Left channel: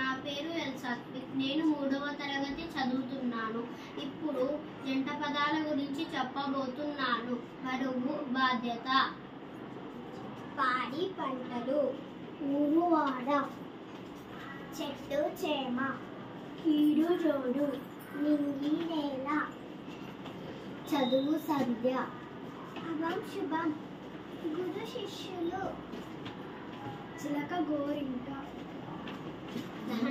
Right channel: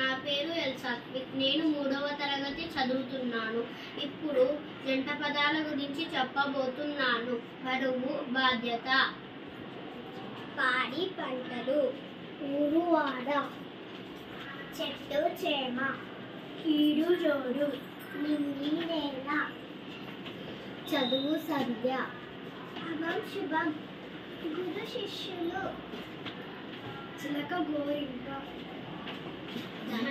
నా పేరు ఎల్సాత్విక్. నేను 3వ తరగతి చదువుతున్నాను. ఇప్పుడు జంట పదాల గురించి చెప్పబోతున్నాను. బరువు, బాధ్యత. పాడి పంటలు, ఊరువాడ, చెట్టు చేమ, కీడు జోడు, నింగి నేల, చదువు సంధ్య, అభం శుభం, గురు శిష్యులు, చిలక గోరింక.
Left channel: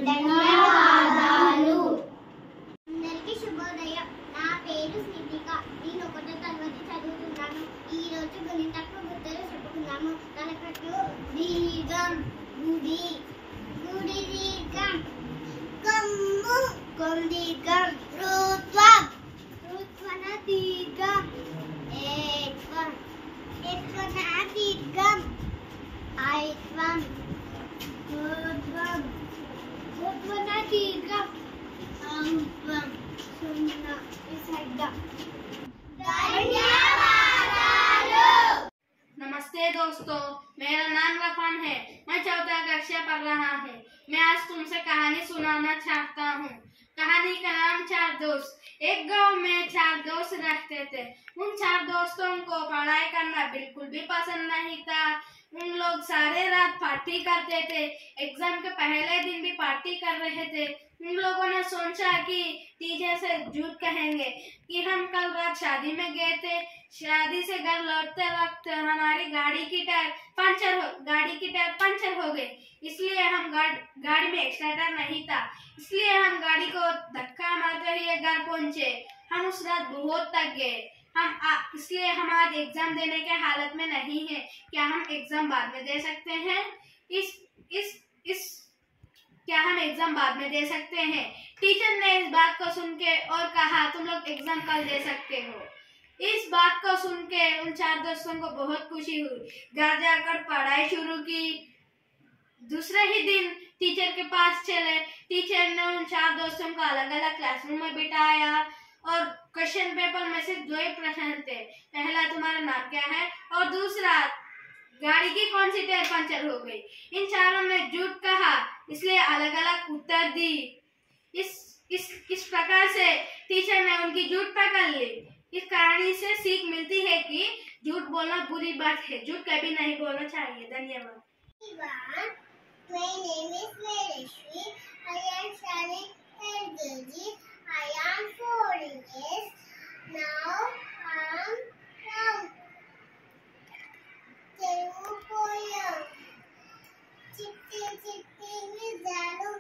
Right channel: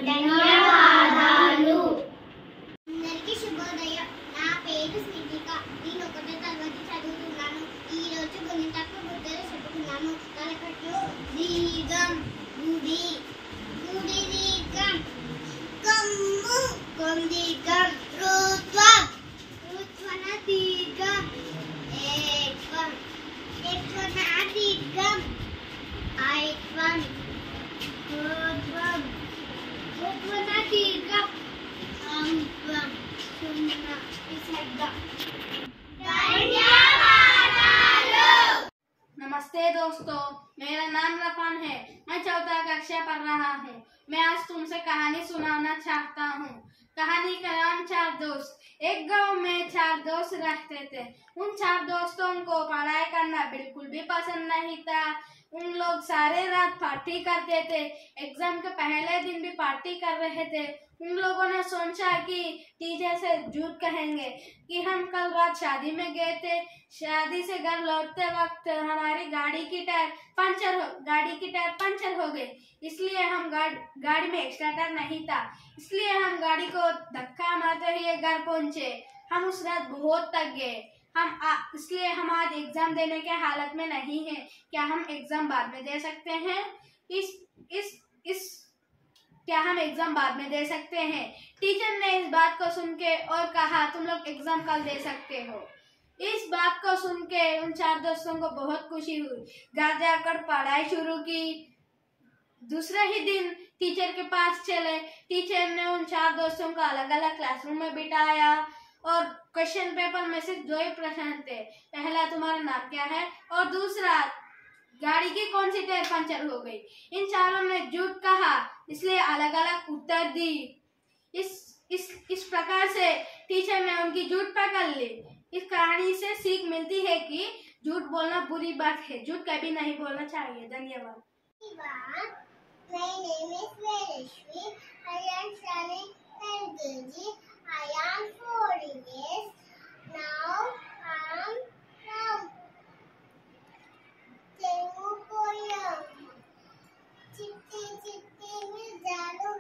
ధన్యవాదాలు. అందరికీ శుభోదయం. నా పేరు స్నితిక. నేను 1వ తరగతి చదువుతున్నాను. ఈ రోజు గుణితకు గుర్తులు చెప్పుకున్నాము. తనకట్టు దీర్ఘం, గుడి, గుడి దీర్ఘం, కొమ్ము, కొమ్ దీర్ఘం, ఋత్వం, ఋత్వన దీర్ఘం, ఏత్వం, ఏత్వన దీర్ఘం, ఐత్వం, ఋత్వం, ఋత్వన దీర్ఘం, ఔత్వం, సున్నా విసర్గ. नमस्ते दोस्तों, मेरा नाम रफान है। मैं 4th कक्षा पढ़ रहा है। मैं आज तुमसे कहानी सुनाना चाहता हूँ। कहानी का नाम 4 दोस्त। एक गांव में 4 दोस्त रहते थे। उन 4 दोस्तों को पढ़ाई करना बिल्कुल भी पसंद नहीं था। उन लोग सारे रात पार्टी करते थे। एग्जाम के पहले दिन भी पार्टी कर रहे थे। उन लोगों ने सोचा कि टीचर से झूठ कहेंगे कि हम कल रात शादी में गए थे। शादी से घर लौटते वक्त हमारी गाड़ी की टायर पंचर हो गई। इसलिए हम गाड़ी में एक्स्ट्रा टायर नहीं था, इसलिए हम गाड़ी को धक्का मारते हुए घर पहुंचे। हम उस रात बहुत थक गए। इसलिए हम आज एग्जाम देने के हालत में नहीं है। क्या हम एग्जाम बाद में दे सकते हैं? क्या हम एग्जाम बाद में दे सकते हैं? टीचर ने इस बात को सुन के और कहा, तुम लोग एग्जाम कल दे सकते हो। इस बात को सुन के उन 4 दोस्तों को बहुत खुशी हुई। घर जाकर पढ़ाई शुरू की। दूसरे ही दिन टीचर के पास चले। टीचर ने उन 4 दोस्तों को अलग अलग क्लासरूम में बिठाया और क्वेश्चन पेपर में से 2 ही प्रश्न थे। पहला, तुम्हारा नाम क्या है, और दूसरा, गाड़ी की कौन सी टायर पंचर हो गई। इन चारों ने झूठ कहा, इसलिए अलग अलग उत्तर दी। इस प्रकार से टीचर ने उनकी झूठ पकड़ ली। इस कहानी से सीख मिलती है कि झूठ बोलना बुरी बात है। झूठ कभी नहीं बोलना चाहिए। धन्यवाद। My name is Vereshwi. I am studying LKG. I am 4 years. Now I am from Telugu poem. చిట్టి చిట్టి నిజాలు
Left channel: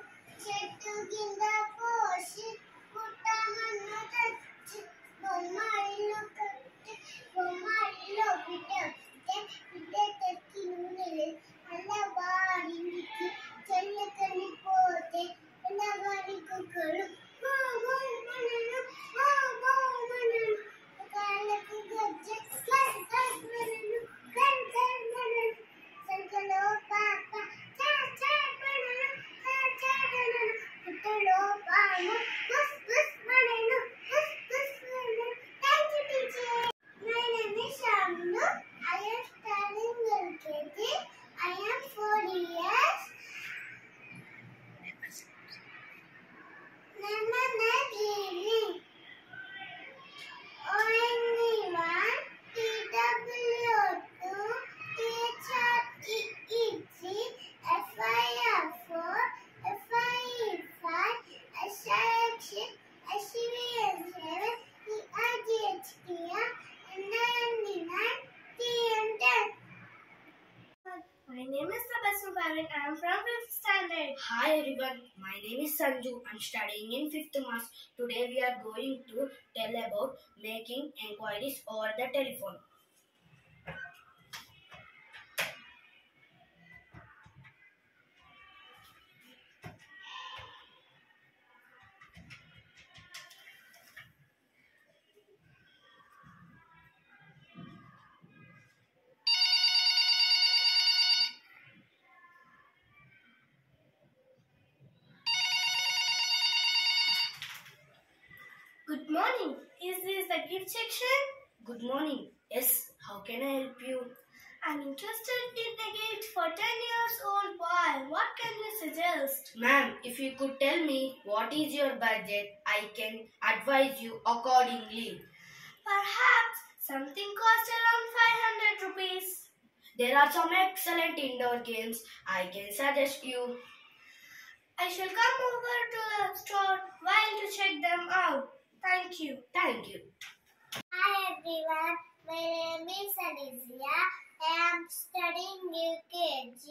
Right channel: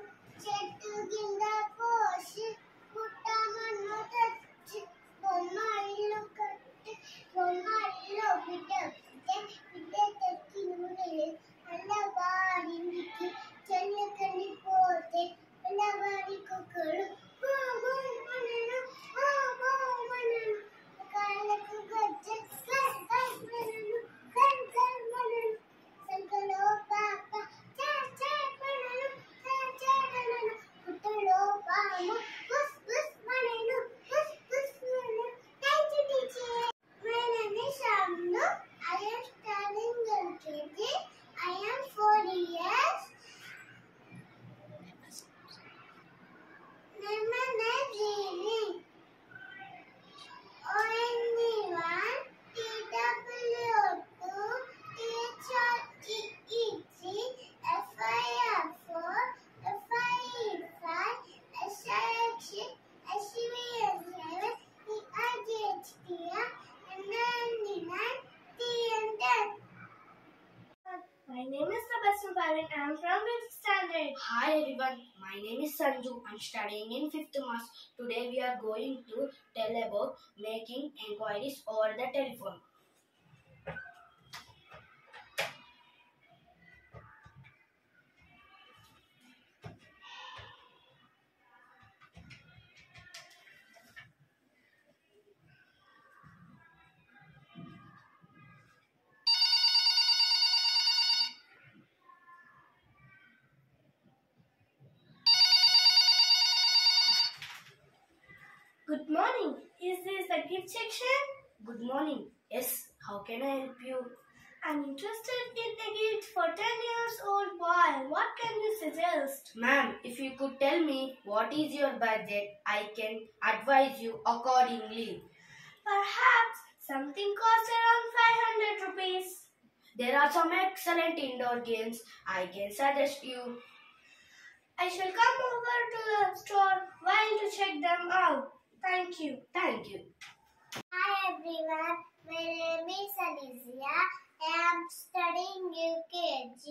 చెట్టు కింద పోసి పుట్టమన్ను తెచ్చి బొమ్మ ఇల్లు కట్టి బొమ్మ ఇల్లు బిడ్డ తెచ్చి నూనె అల్లవారికి చెల్లకని పోతే అల్లవారి కుక్కలు కాళ్ళకు గజ్జె సంకలో పాప పుట్టలో పామ బుస్ బుస్ మనను బుస్ బుస్ మనను. Thank you, teacher. My name is Shamnu. I am studying LKG. I am 4 years. Lemon and Lily. ONE1, TW2, THREEC, FIR4, FIE5, SIX6, SCVL7, EIGHTR, NIND9, TM10. My name is Tabassum Parveen. I am from 5th standard. Hi everyone, my name is Sanju. I am studying in 5th Mass. Today we are going to tell about making enquiries over the telephone. Good morning. Is this the gift section? Good morning. Yes, how can I help you? I'm interested in the gift for 10 years old boy. What can you suggest? Ma'am, if you could tell me what is your budget, I can advise you accordingly. Perhaps something costs around 500 rupees. There are some excellent indoor games I can suggest you. I shall come over to the store while to check them out. Thank you. Thank you. Hi everyone, my name is Alizia. I am studying UKG.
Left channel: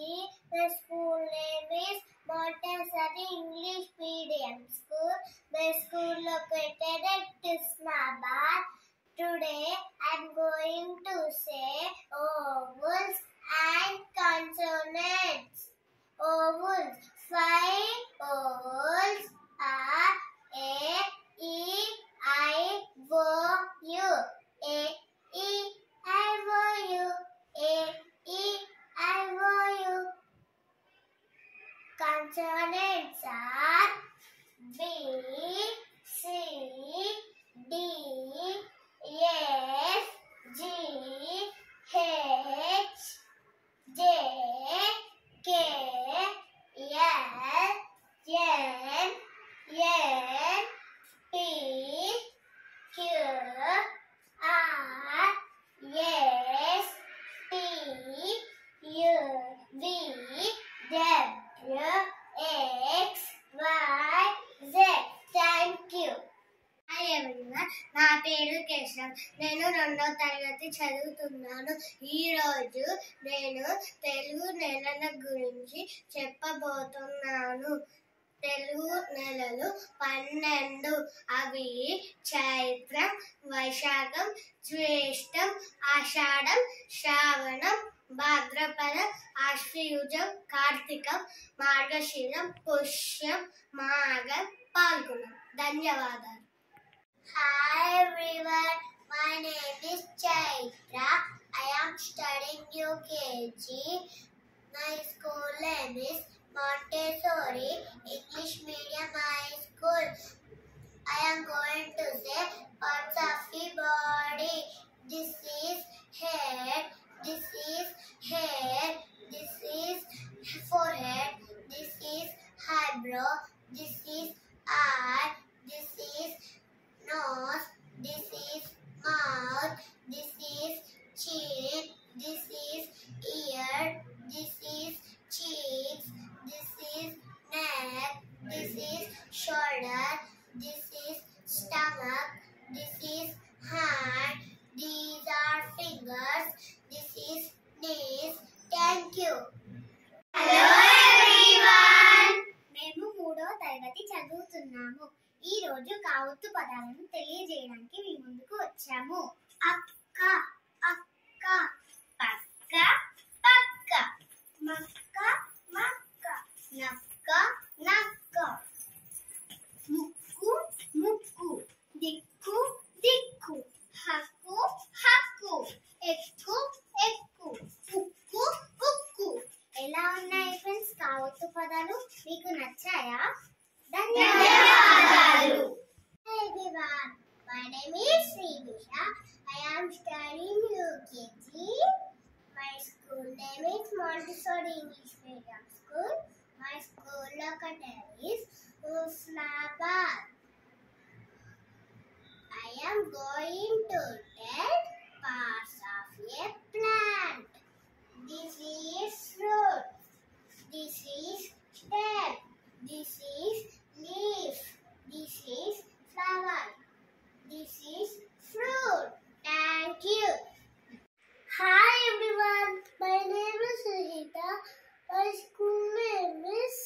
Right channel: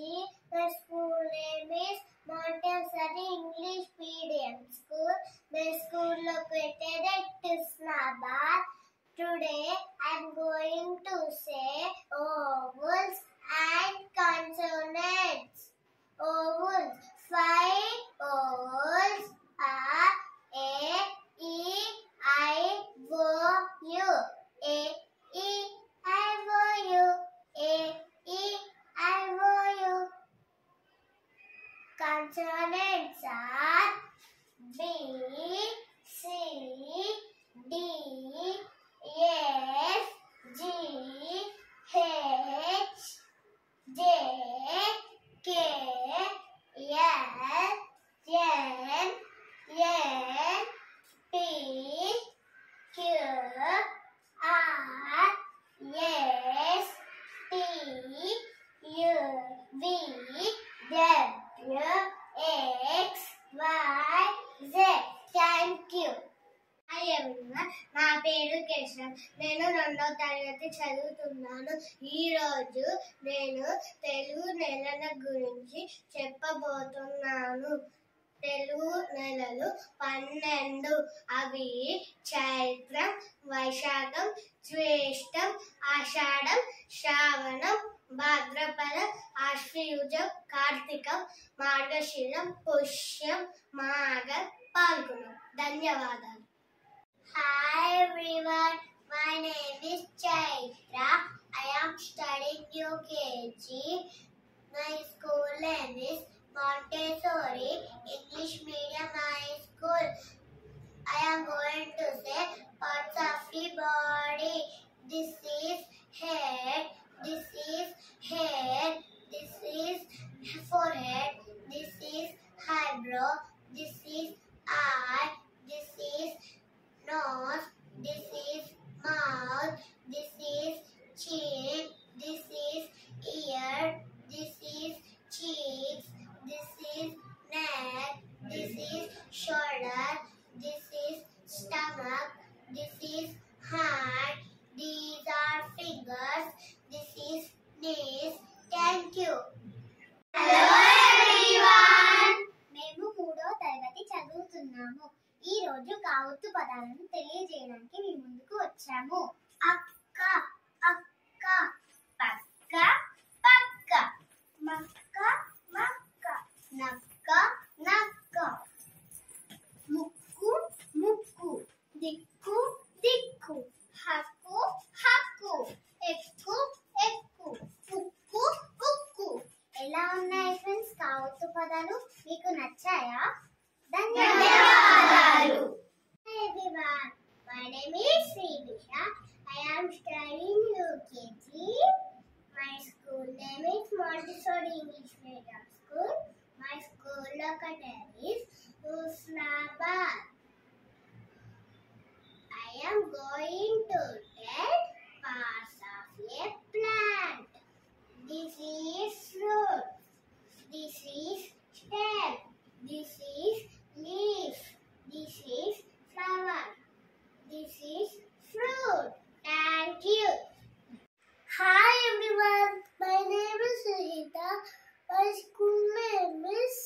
The school name is Montessori English Medium School. The school located at Islamabad. Today I am going to say vowels and consonants. Vowels. 5 vowels are A, E, I, O, U. A, E, I, O, U. A, E, I, O, U. Consonants are B, C, D, F, G, H, J, K, L, M, N, P, Q, R, S, T, U, V, W, X, Y, Z. Thank you. Hi everyone, నా పేరు కేశవ్. నేను 2వ తరగతి చదువుతున్నాను. ఈరోజు నేను తెలుగు నెలల గురించి చెప్పబోతున్నాను. తెలుగు నెలలు 12. అవి చైత్రం, వైశాఖం, జ్యేష్టం, ఆషాఢం, శ్రావణం, భాద్రపదం, ఆశ్వయుజం, కార్తీకం, మార్గశిరం, పుష్యం, మాఘం, పాల్గొనం. ధన్యవాదాలు. Hi everyone, my name is Chaitra. I am studying UKG. My school name is Montessori English Medium High School. I am going to say parts of the body. This is head, this is hair, this is forehead, this is eyebrow, this is eye, this is nose, this is mouth, this is chin, this is ear, this is cheeks, this is neck, this is shoulder, this is stomach, this is hand, these are fingers, this is knees. Thank you. Hello everyone. మేము 3వ తరగతి చదువుతున్నాము. ఈ రోజు కావత్తు పదాలను తెలియజేయడానికి మీ ముందుకు వచ్చాము. అక్క, అక్క, పక్క, పక్క, మక్క, మక్క, నక్క, నక్క, ముక్కు, ముక్కు, దిక్కు, దిక్కు, హక్కు, హక్కు, ఎక్కు, ఎక్కు, ఉక్కు, ఉక్కు. ఎలా ఉన్నాయి ఫ్రెండ్స్ కావత్తు పదాలు? మీకు నచ్చాయా? ధన్యవాదాలు. Hi everyone, my name is Srivisha. I am studying UKG. My school name is Montessori English Medium School. My school located is Islamabad. I am going to tell parts of a plant. This is fruit. This is stem. This is leaf. This is flower. This is fruit. Thank you. Hi everyone. My name is Rita. My school name is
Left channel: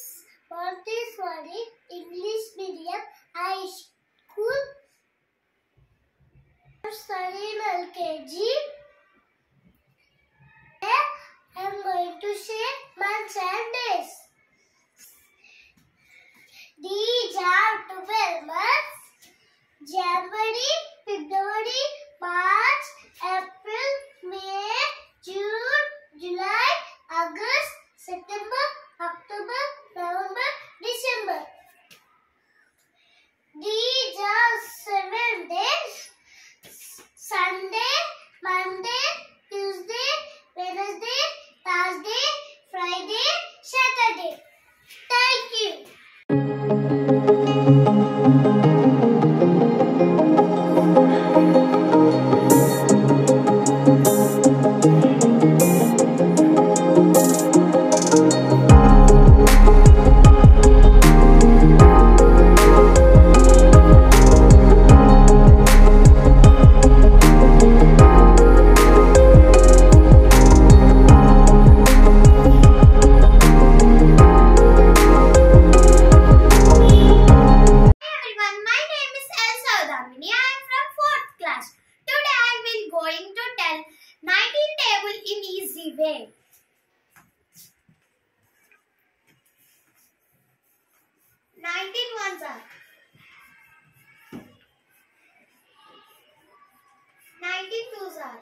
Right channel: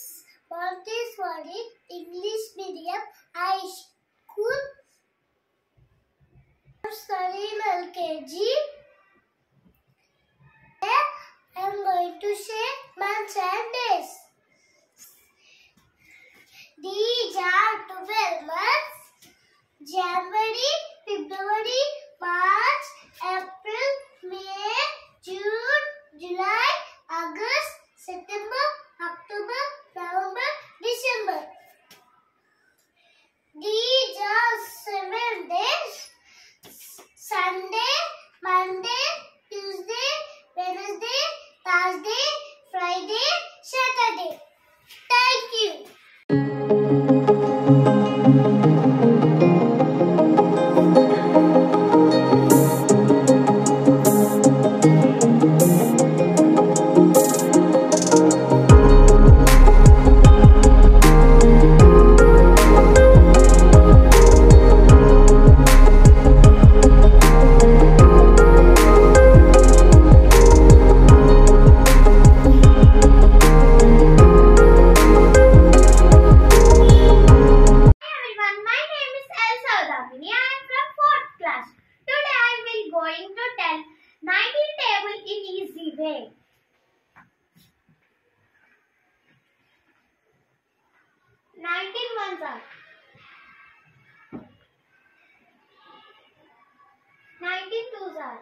Montessori English Medium High School. I'm studying LKG. wave. 19 ones are 19 twos are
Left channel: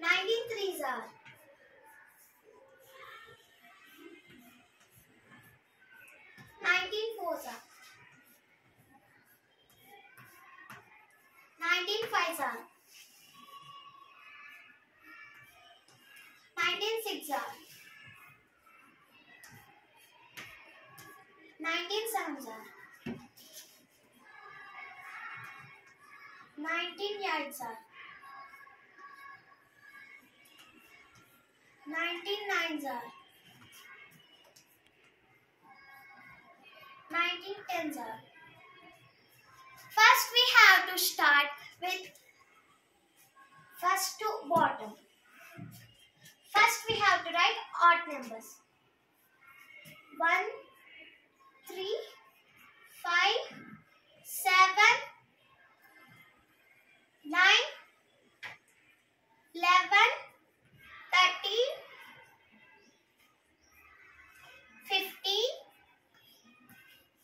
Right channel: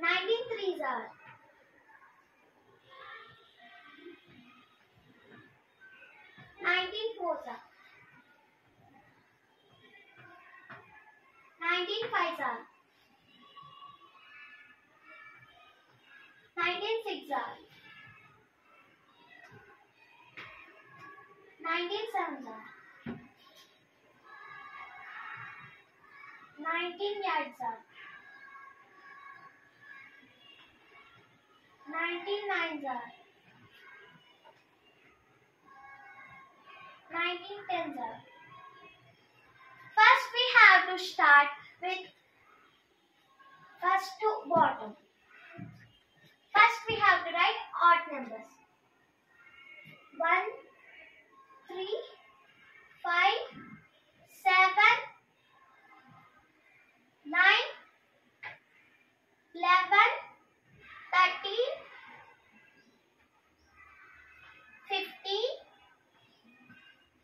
19 threes are 19 fours are 19 fives are 19 six are 19 sevens are 19 eights are 19 nines are 19 tens are. First we have to start with first to bottom. First we have to write odd numbers. 1, 3, 5, 7, 9, 11, 13, 15,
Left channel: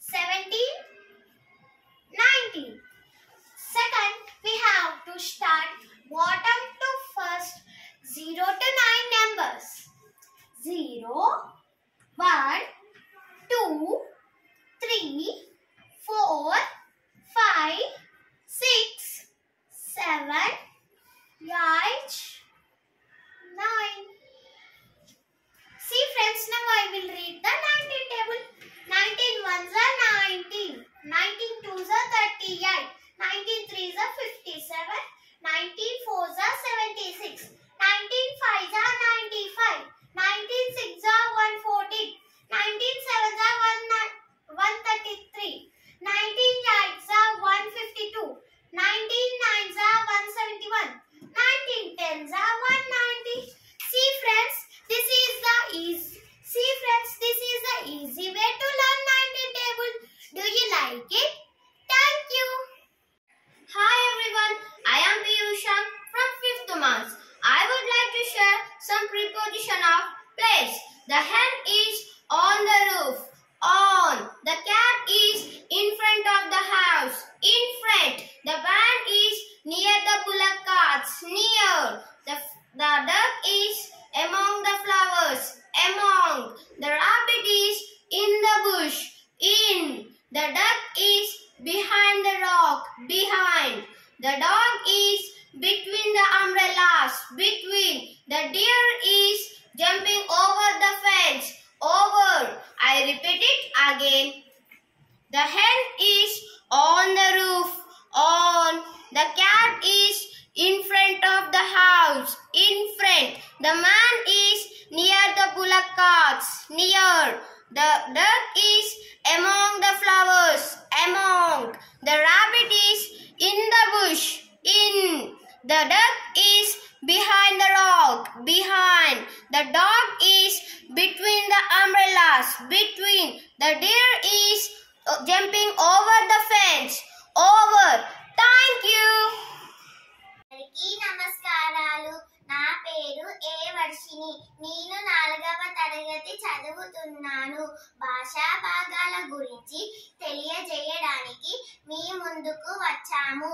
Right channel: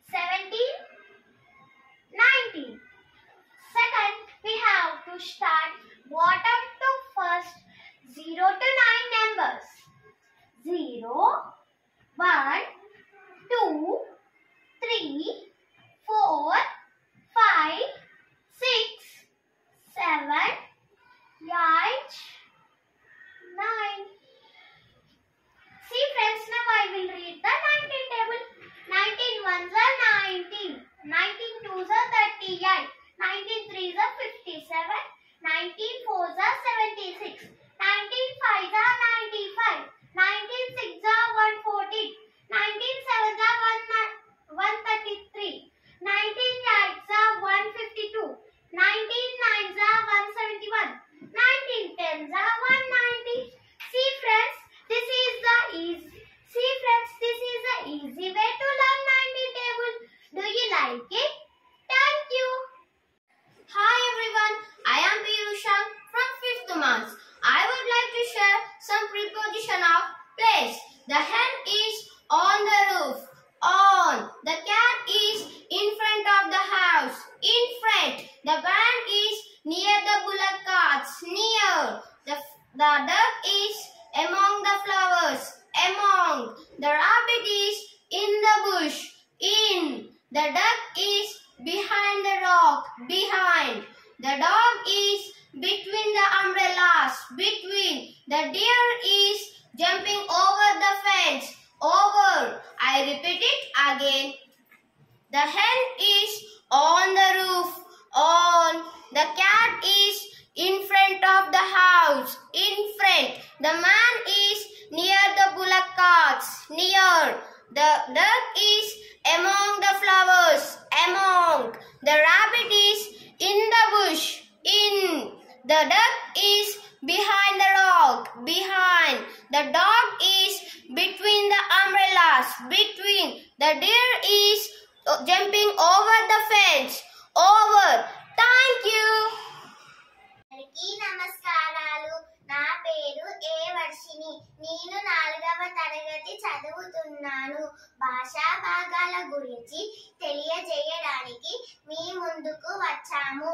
17, 19. Second, we have to start bottom to first 0 to 9 numbers. 0, 1, 2, 3, 4, 5, 6, 7, 8, 9. See friends, now I will read the 19 table. 19 ones are 19, 19 twos are 38, 19 threes are 57, 19 fours are 76, 19 fives are 95, 19 sixes are 114, 19 sevens are 133, 19 eights are 152, 19 nines are 171, 19 tens are 190. See friends, this is the easy way to learn 19 table. Do you like it? Thank you. Hi everyone, I am Piyusha from 5th month. I would like to share some preposition of place. The hen is on the roof. On. The cat is in front of the house. In front. The van is near the bullock carts. Near. The duck is among the flowers. Among. The rabbit is in the bush. In. The duck is behind the rock. Behind. The dog is between the umbrellas. Between. The deer is jumping over the fence. Over. I repeat it again. The hen is on the roof. On. The cat is in front of the house. In front. The man is near the bullock carts. Near. The duck is among the flowers. Among. The rabbit is in the bush. In. The duck is behind the rock. Behind. The dog is between the umbrellas. Between. The deer is jumping over the fence. Over. Thank you. అందరికీ నమస్కారాలు. నా పేరు ఏ వర్షిని. నేను 4వ తరగతి చదువుతున్నాను. భాషా భాగాల గురించి తెలియజేయడానికి మీ ముందుకు వచ్చాము.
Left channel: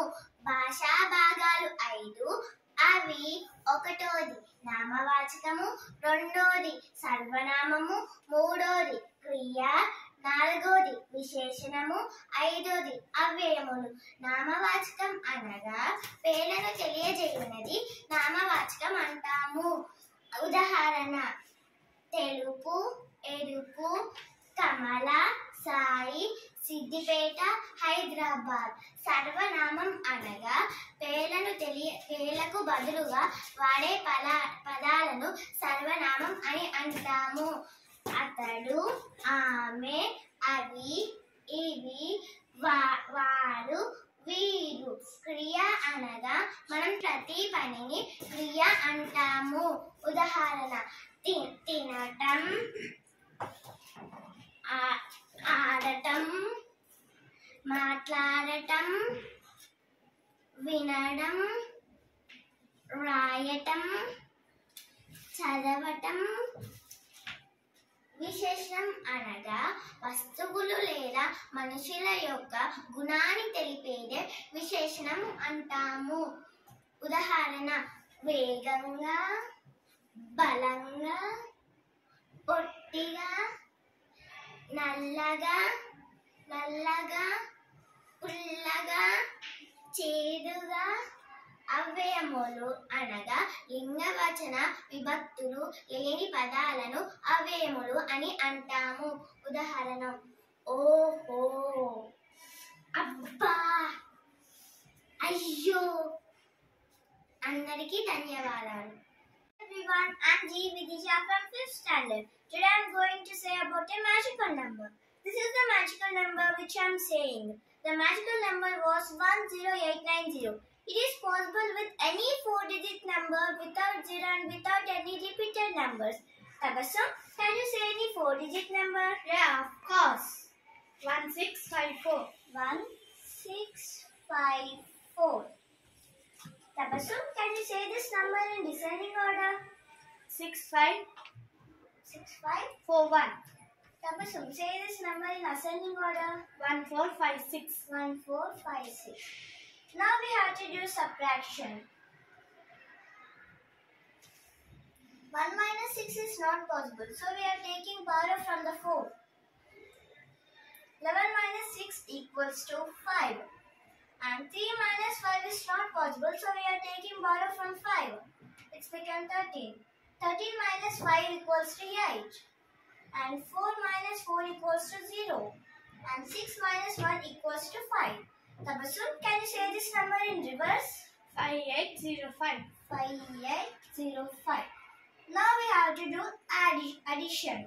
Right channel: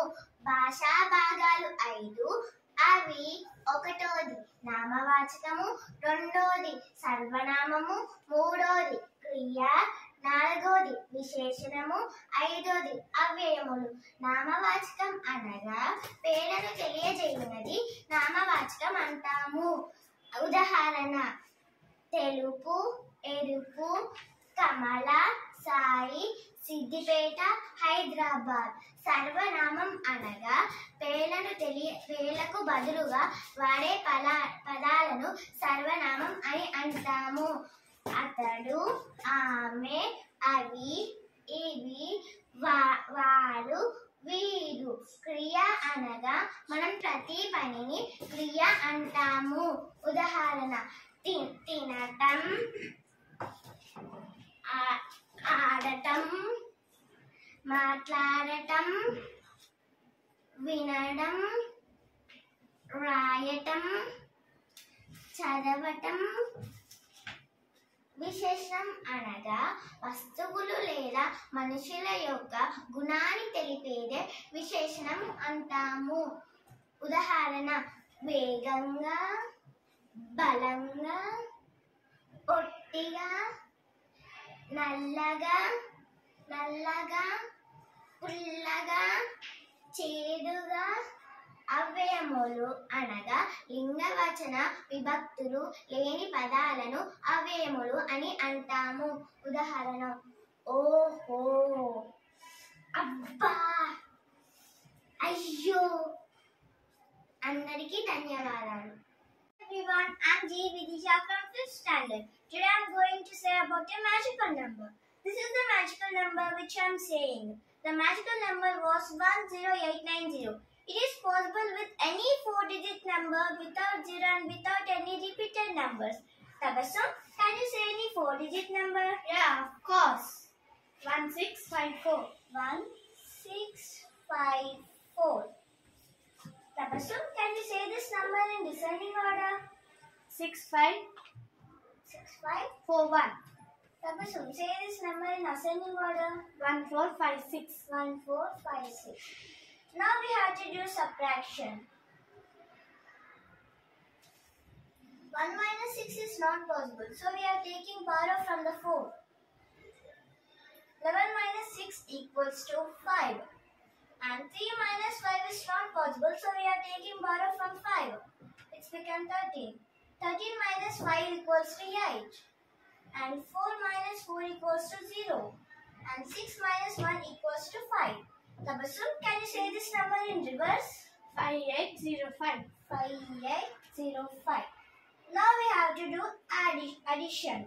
భాషా భాగాలు 5. అవి 1వది నామవాచకము, 2వది సర్వనామము, 3వది క్రియ, 4వది విశేషణము, 5వది అవ్యయములు. నామవాచకం అనగా పేర్లను తెలియజేయునది నామవాచకం అంటాము. ఉదాహరణ: తెలుపు, ఎరుపు, కమల, సాయి, సిద్దిపేట, హైదరాబాద్. సర్వనామం అనగా పేర్లకు బదులుగా వాడే పదాలను సర్వనామం అని అంటాము. అతడు, ఆమె, అవి, ఇవి, వారు, వీరు. క్రియ అనగా మనం ప్రతి పనిని క్రియ అంటాము. ఉదాహరణ: తినటం, ఆడటం, మాట్లాడటం, వినడం, రాయటం, చదవటం. విశేషణం అనగా వస్తువులు లేదా మనుషుల యొక్క గుణాన్ని తెలిపేదే విశేషణం అంటాము. ఉదాహరణ: వేగంగా, బలంగా, పొట్టిగా, నల్లగా, పుల్లగా, చేదుగా. అవ్యయములు అనగా లింగవచన విభక్తులు లేని పదాలను అవ్యయములు అని అంటాము. ఉదాహరణ: ఓహో, అబ్బా, అయ్యో. అందరికీ ధన్యవాదాలు. Everyone, I'm G. Vidisha from 5th standard. Today I'm going to say about a magical number. This is the magical number which I'm saying. The magical number was 10890. It is possible with any 4-digit number without zero and without any repeated numbers. Tabassum, can you say any 4-digit number? Yeah, of course. 1654. 1654. Tabassum, can you say this number in descending order? 6541. Tabassum, say this number in ascending order. 1456. 1456. Now we have to do subtraction. 1 minus 6 is not possible, so we are taking power from the 4. 11 minus 6 equals to 5. And 3 minus 5 is not possible, so we are taking power from 5. It's become 13. 13 minus 5 equals to 8. And 4 minus 4 equals to 0. And 6 minus 1 equals to 5. Tabassum, can you say this number in reverse? 5805. 5805. Now we have to do addition.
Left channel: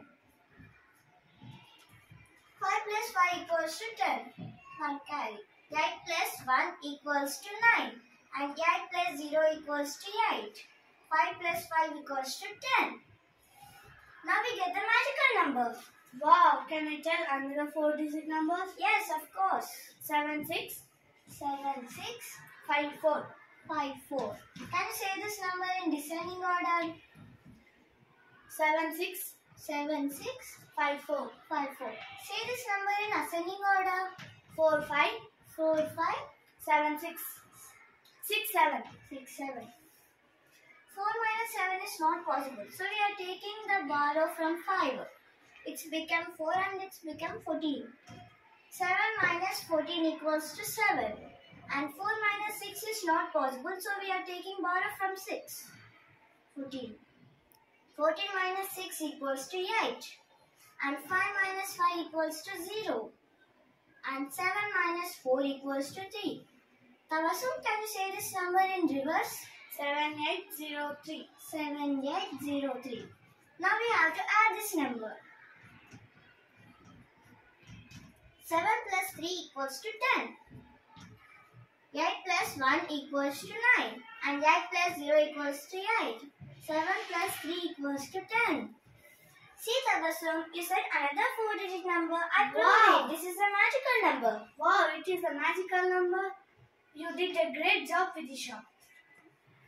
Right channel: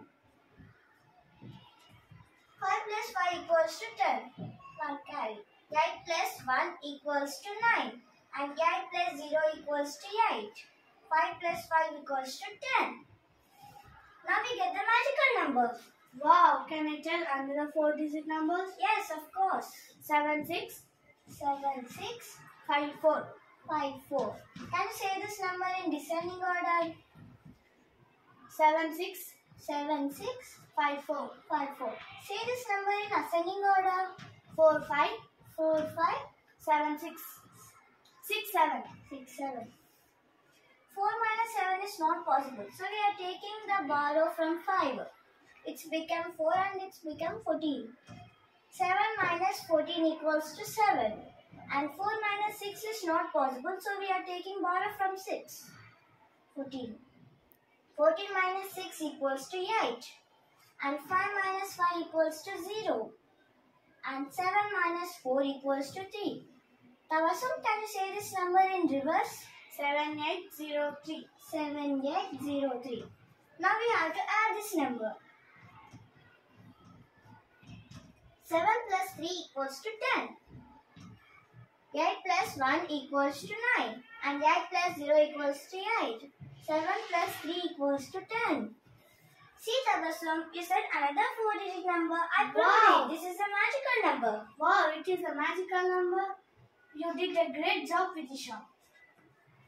5 plus 5 equals to 10. 1 carry. 8 plus 1 equals to 9. And 8 plus 0 equals to 8. 5 plus 5 equals to 10. Now we get the magical number. Wow, can I tell another 4-digit numbers? Yes, of course. 7654. 54. Can you say this number in descending order? 7654. 54. Say this number in ascending order. 4576. 67. 67. 4 minus 7 is not possible, so we are taking the borrow from 5. It's become 4 and it's become 14. 7 minus 14 equals to 7. And 4 minus 6 is not possible, so we are taking borrow from 6. 14. 14 minus 6 equals to 8. And 5 minus 5 equals to 0. And 7 minus 4 equals to 3. Tabassum, can you say this number in reverse? 7803. 7803. Now we have to add this number. 7 plus 3 equals to 10. 8 plus 1 equals to 9. And 8 plus 0 equals to 8. 7 plus 3 equals to 10. See, Tabassum, you said another 4-digit number. I proved Wow. it. This is a magical number. Wow, it is a magical number. You did a great job, Vidisha.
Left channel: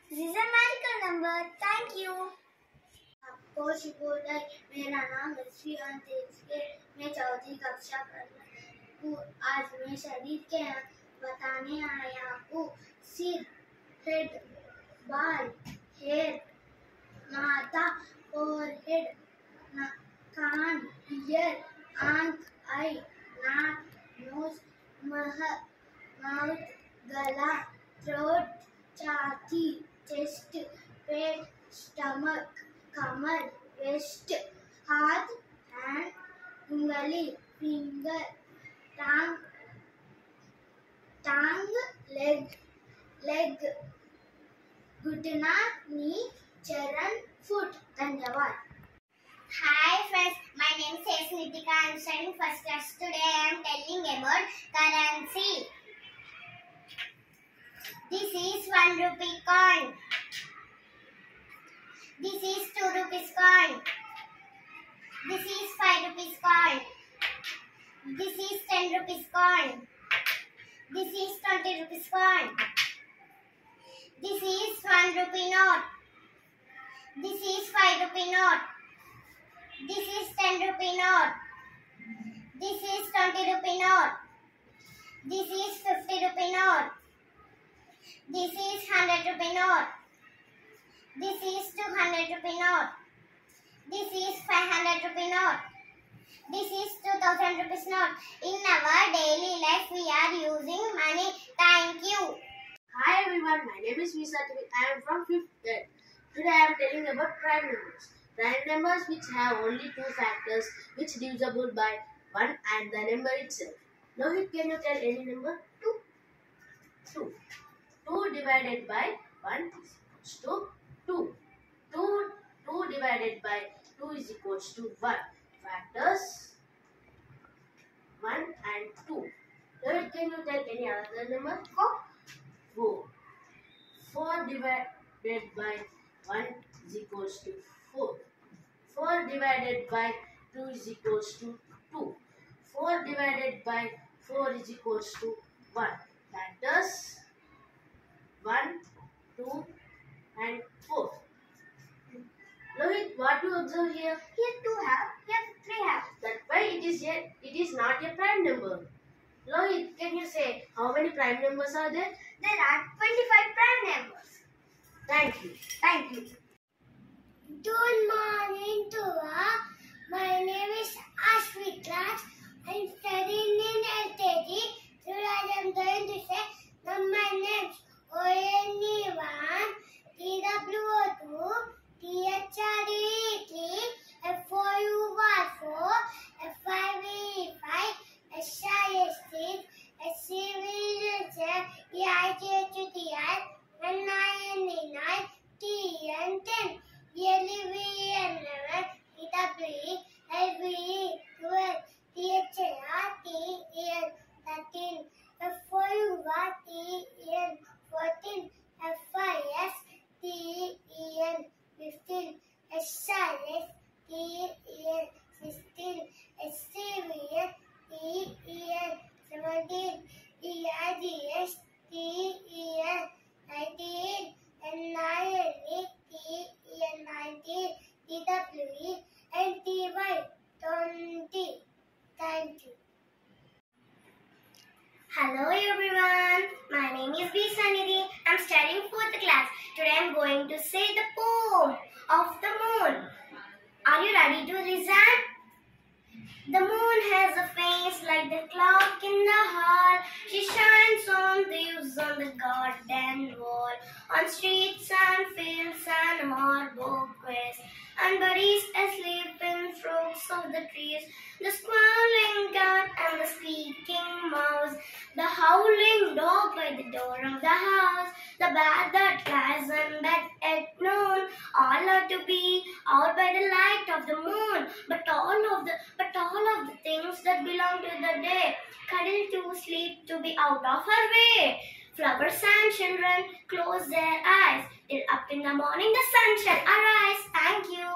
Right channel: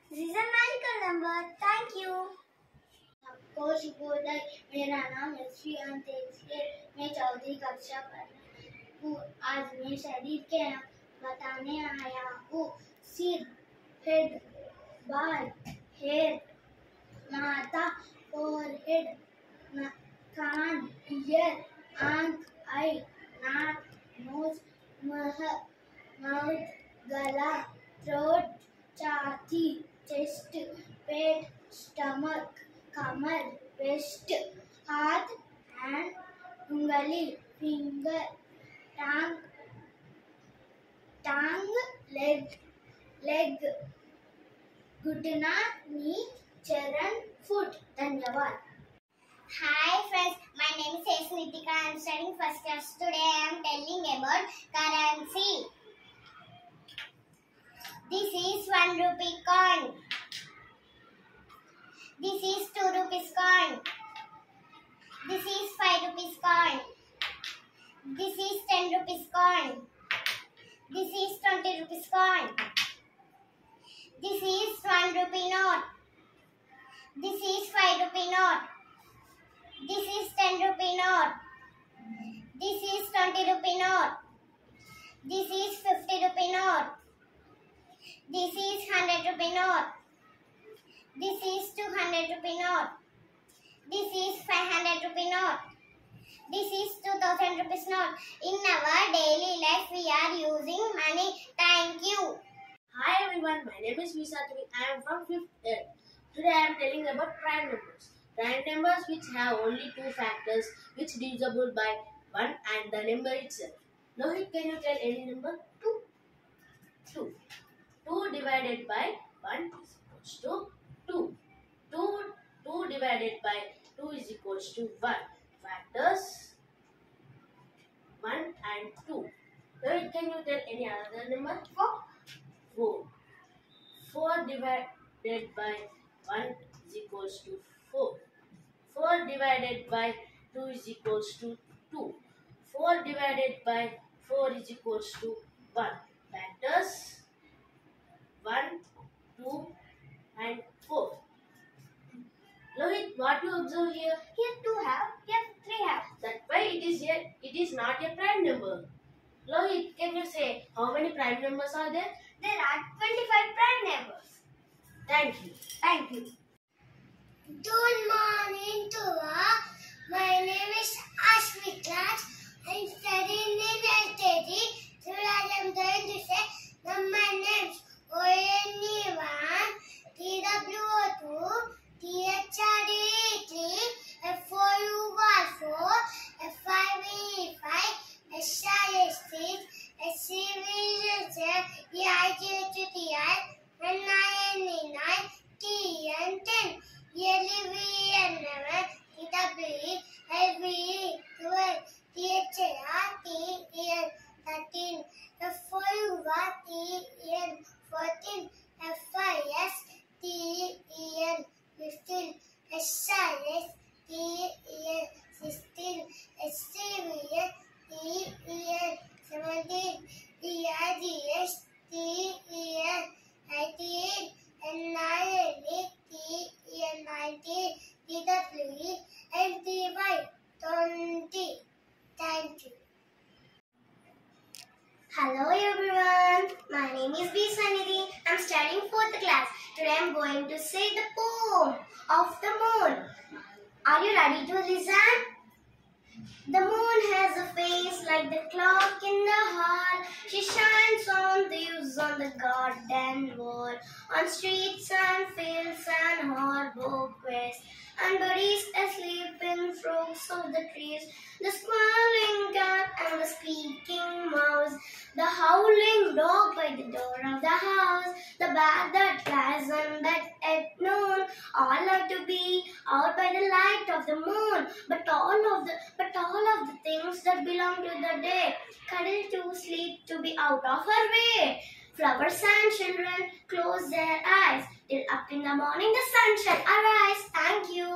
This is a magical number. Thank you. आपको शुभोदय। मेरा नाम श्रीयान तेज है। मैं चौथी कक्षा हूँ। आज मैं शरीर के बताने आया हूँ। सिर, हेड, बाल, हेयर, माथा, फोरहेड, कान, ईयर, आंख, आई, नाक, नोज, माउथ, गला, थ्रोट, छाती, चेस्ट, पेट, स्टमक, कमर, वेस्ट, हाथ, हैंड, उंगली, फिंगर, टांग, लेग, घुटना, नी, चरण, फुट। धन्यवाद। Hi friends, my name is Nitika. I am studying first class. Today I am telling about currency. This is 1 rupee coin. This is 2 rupees coin. This is 5 rupees coin. This is 10 rupees coin. This is 20 rupees coin. This is 1 1 rupee note. This is 5 rupee note. This is 10 rupee note. This is 20 rupee note. This is 50 rupee note. This is 100 rupee note. This is 200 rupee note. This is 500 rupee note. This is 2000 rupees note. In our daily life, we are using money. Thank you. Hi everyone, my name is Visa Tivi. I am from 5th grade. Today I am telling about prime numbers. Prime numbers which have only two factors which divisible by 1 and the number itself. Lohit, can you tell any number? 2. 2. 2 divided by 1 is equals to 2. 2 divided by 2 is equals to 1. Factors 1 and 2. Lohit, can you tell any other number? 4. 4. 4 divided by 1 is equals to 4. 4 divided by 2 is equals to 2. 4 divided by 4 is equals to 1. Factors 1, 2 and 4. Lohit, what you observe here? Here 2 have, here 3 have. That's why it is not a prime number. Lohit, can you say how many prime numbers are there? There are 25 prime numbers. Thank you. Thank you. Good morning to all. My name is Ashwit Raj. I am studying in LKG. Today I am going to say number names. ONE1, TWO2, THRE3, F4U4, F5E5, SIS6, SCV7, EIGHTI, NINE9, TN10, LVN11, TWE, LVE 12, THR, TN 13, F4U1, TN 14, FIS, TN 15, SIS, TN 16, SCVN, TN 17, EIGS, TN 19, NINE, TN 19, TWE, NTY 20. Thank you. Hello everyone, my name is B. Sanidhi. I'm studying 4th class. Today I'm going to say the poem of the moon. Are you ready to listen? The moon has a face like the clock in the hall. She shines on leaves on the garden wall, on streets and fields and harbor quays, and birds asleep in trunks of the trees. The squalling cat and the squeaking mouse, the howling dog by the door of the house, the bat that lies in bed at noon, all are to be out by the light of the moon. But all of the things that belong to the day, cuddle to sleep to be out of her way. Flowers and children close their eyes till up in the morning the sun shall arise. Thank you.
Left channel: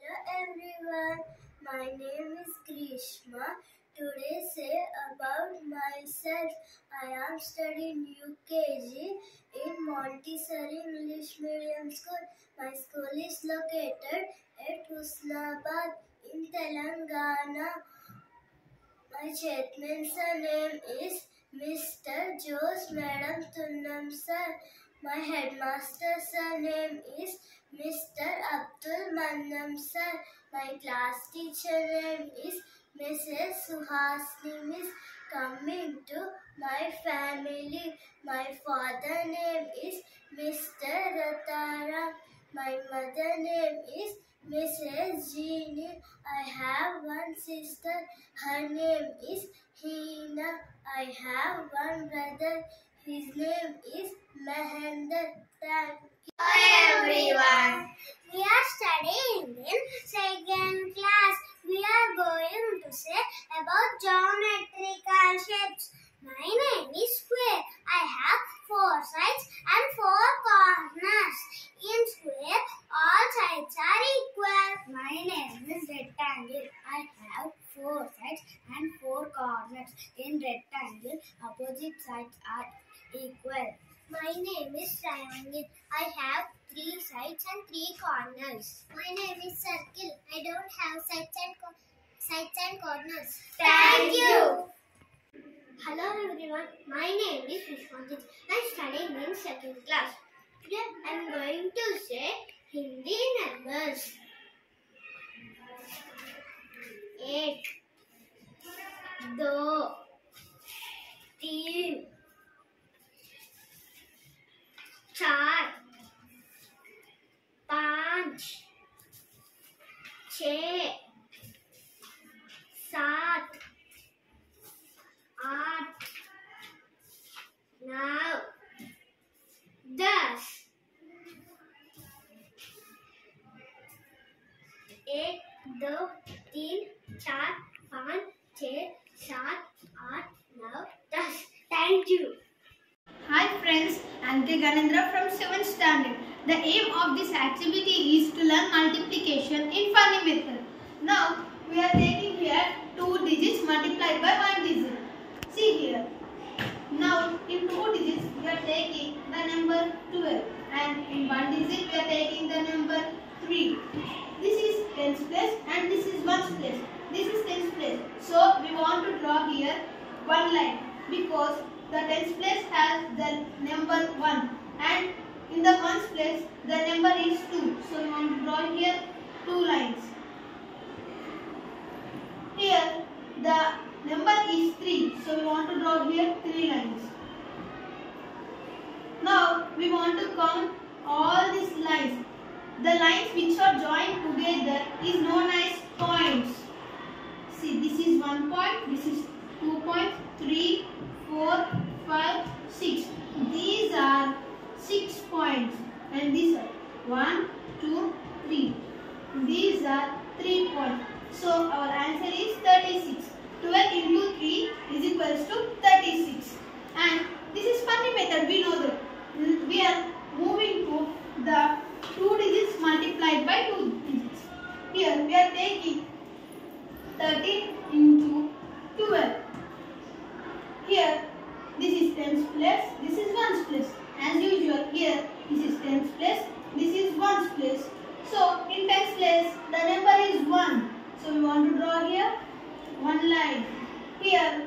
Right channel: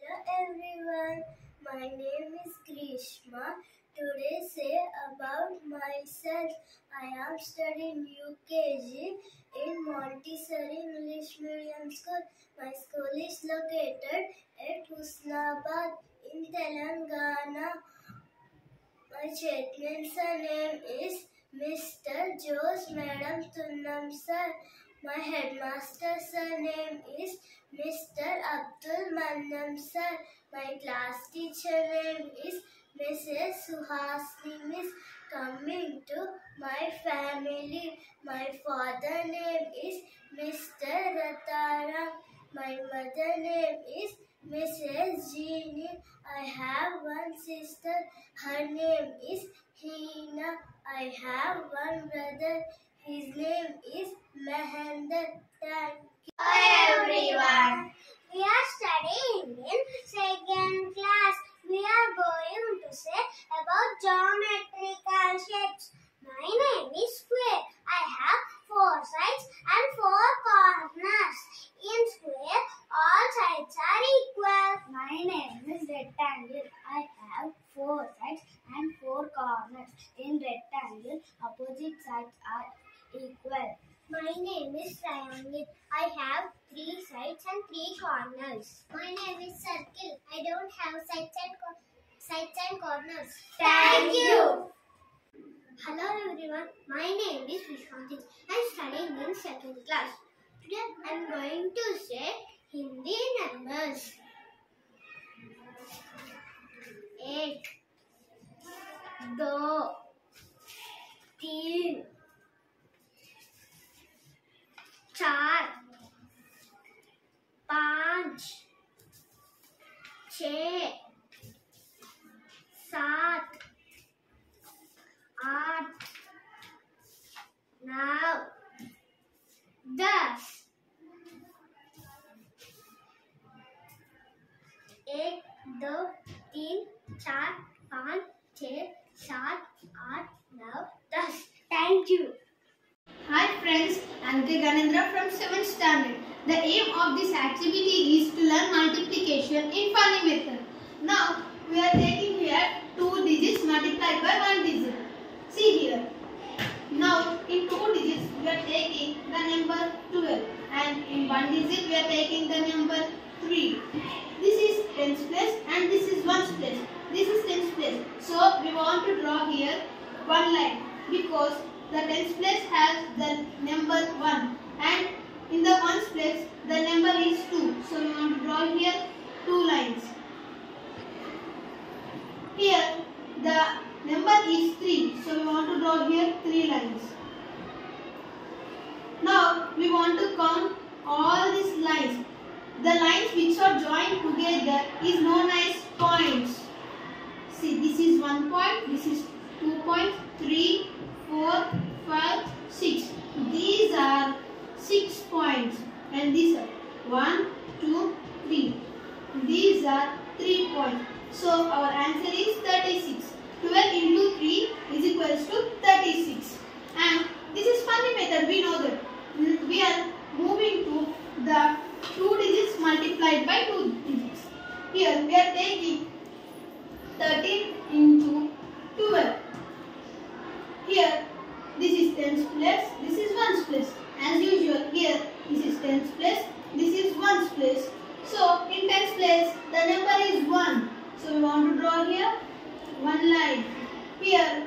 Hello everyone. My name is Grishma. Today say about myself. I am studying UKG in Montessori English Medium School. My school is located at Husnabad in Telangana. My chairman name is Mr. Jose Madam Tunnam sir. My headmaster name is Mr. Abdul Mandam sir. My class teacher name is Mrs. Suhasini Miss. Coming to my family, my father name is Mr. Ratara. My mother name is Mrs. Jeannie. I have one sister. Her name is Hina. I have one brother. His name is Mahendra. Thank you. Hi everyone. We are studying in 2nd class. We are going to say about geometrical shapes. My name is square. I have 4 sides and 4 corners. In square, all sides are equal. My name is rectangle. I have 4 sides and 4 corners. In rectangle, opposite sides are equal. My My name is triangle. I have 3 sides and 3 corners. My name is circle. I don't have sides and corners. Thank you. Hello everyone. My name is Vishwanjit. I am studying in 2nd class. Today I am going to say Hindi numbers. 1 2 3 4 5 6 7 8 9 10 1 2 3 4 5 6 7 8 9 10. Thank you. Hi friends, I'm K. Ganendra from 7th standard. The aim of this activity is to learn multiplication in funny method. Now we are taking here 2 digits multiplied by 1 digit. See here. Now in 2 digits we are taking the number 12 and in 1 digit we are taking the number 3. This is tens place and this is ones place. This is tens place. So we want to draw here one line because the tens place has the number 1 and in the ones place the number is 2. So we want to draw here 2 lines. Here the number is 3. So we want to draw here 3 lines. Now we want to count all these lines. The lines which are joined together is known as points. See, this is 1 point, this is 2 points, 3, 4, 5, 6. These are 6 points and these are 1, 2, 3. These are 3 points. So our answer is 36. 12 into 3 is equals to 36. And this is funny method, we know that. We are moving to the 2 digits multiplied by 2 digits. Here we are taking 13 into 12. Here this is tens place, this is ones place. As usual here this is tens place, this is ones place. So in tens place the number is 1. So we want to draw here one line. Here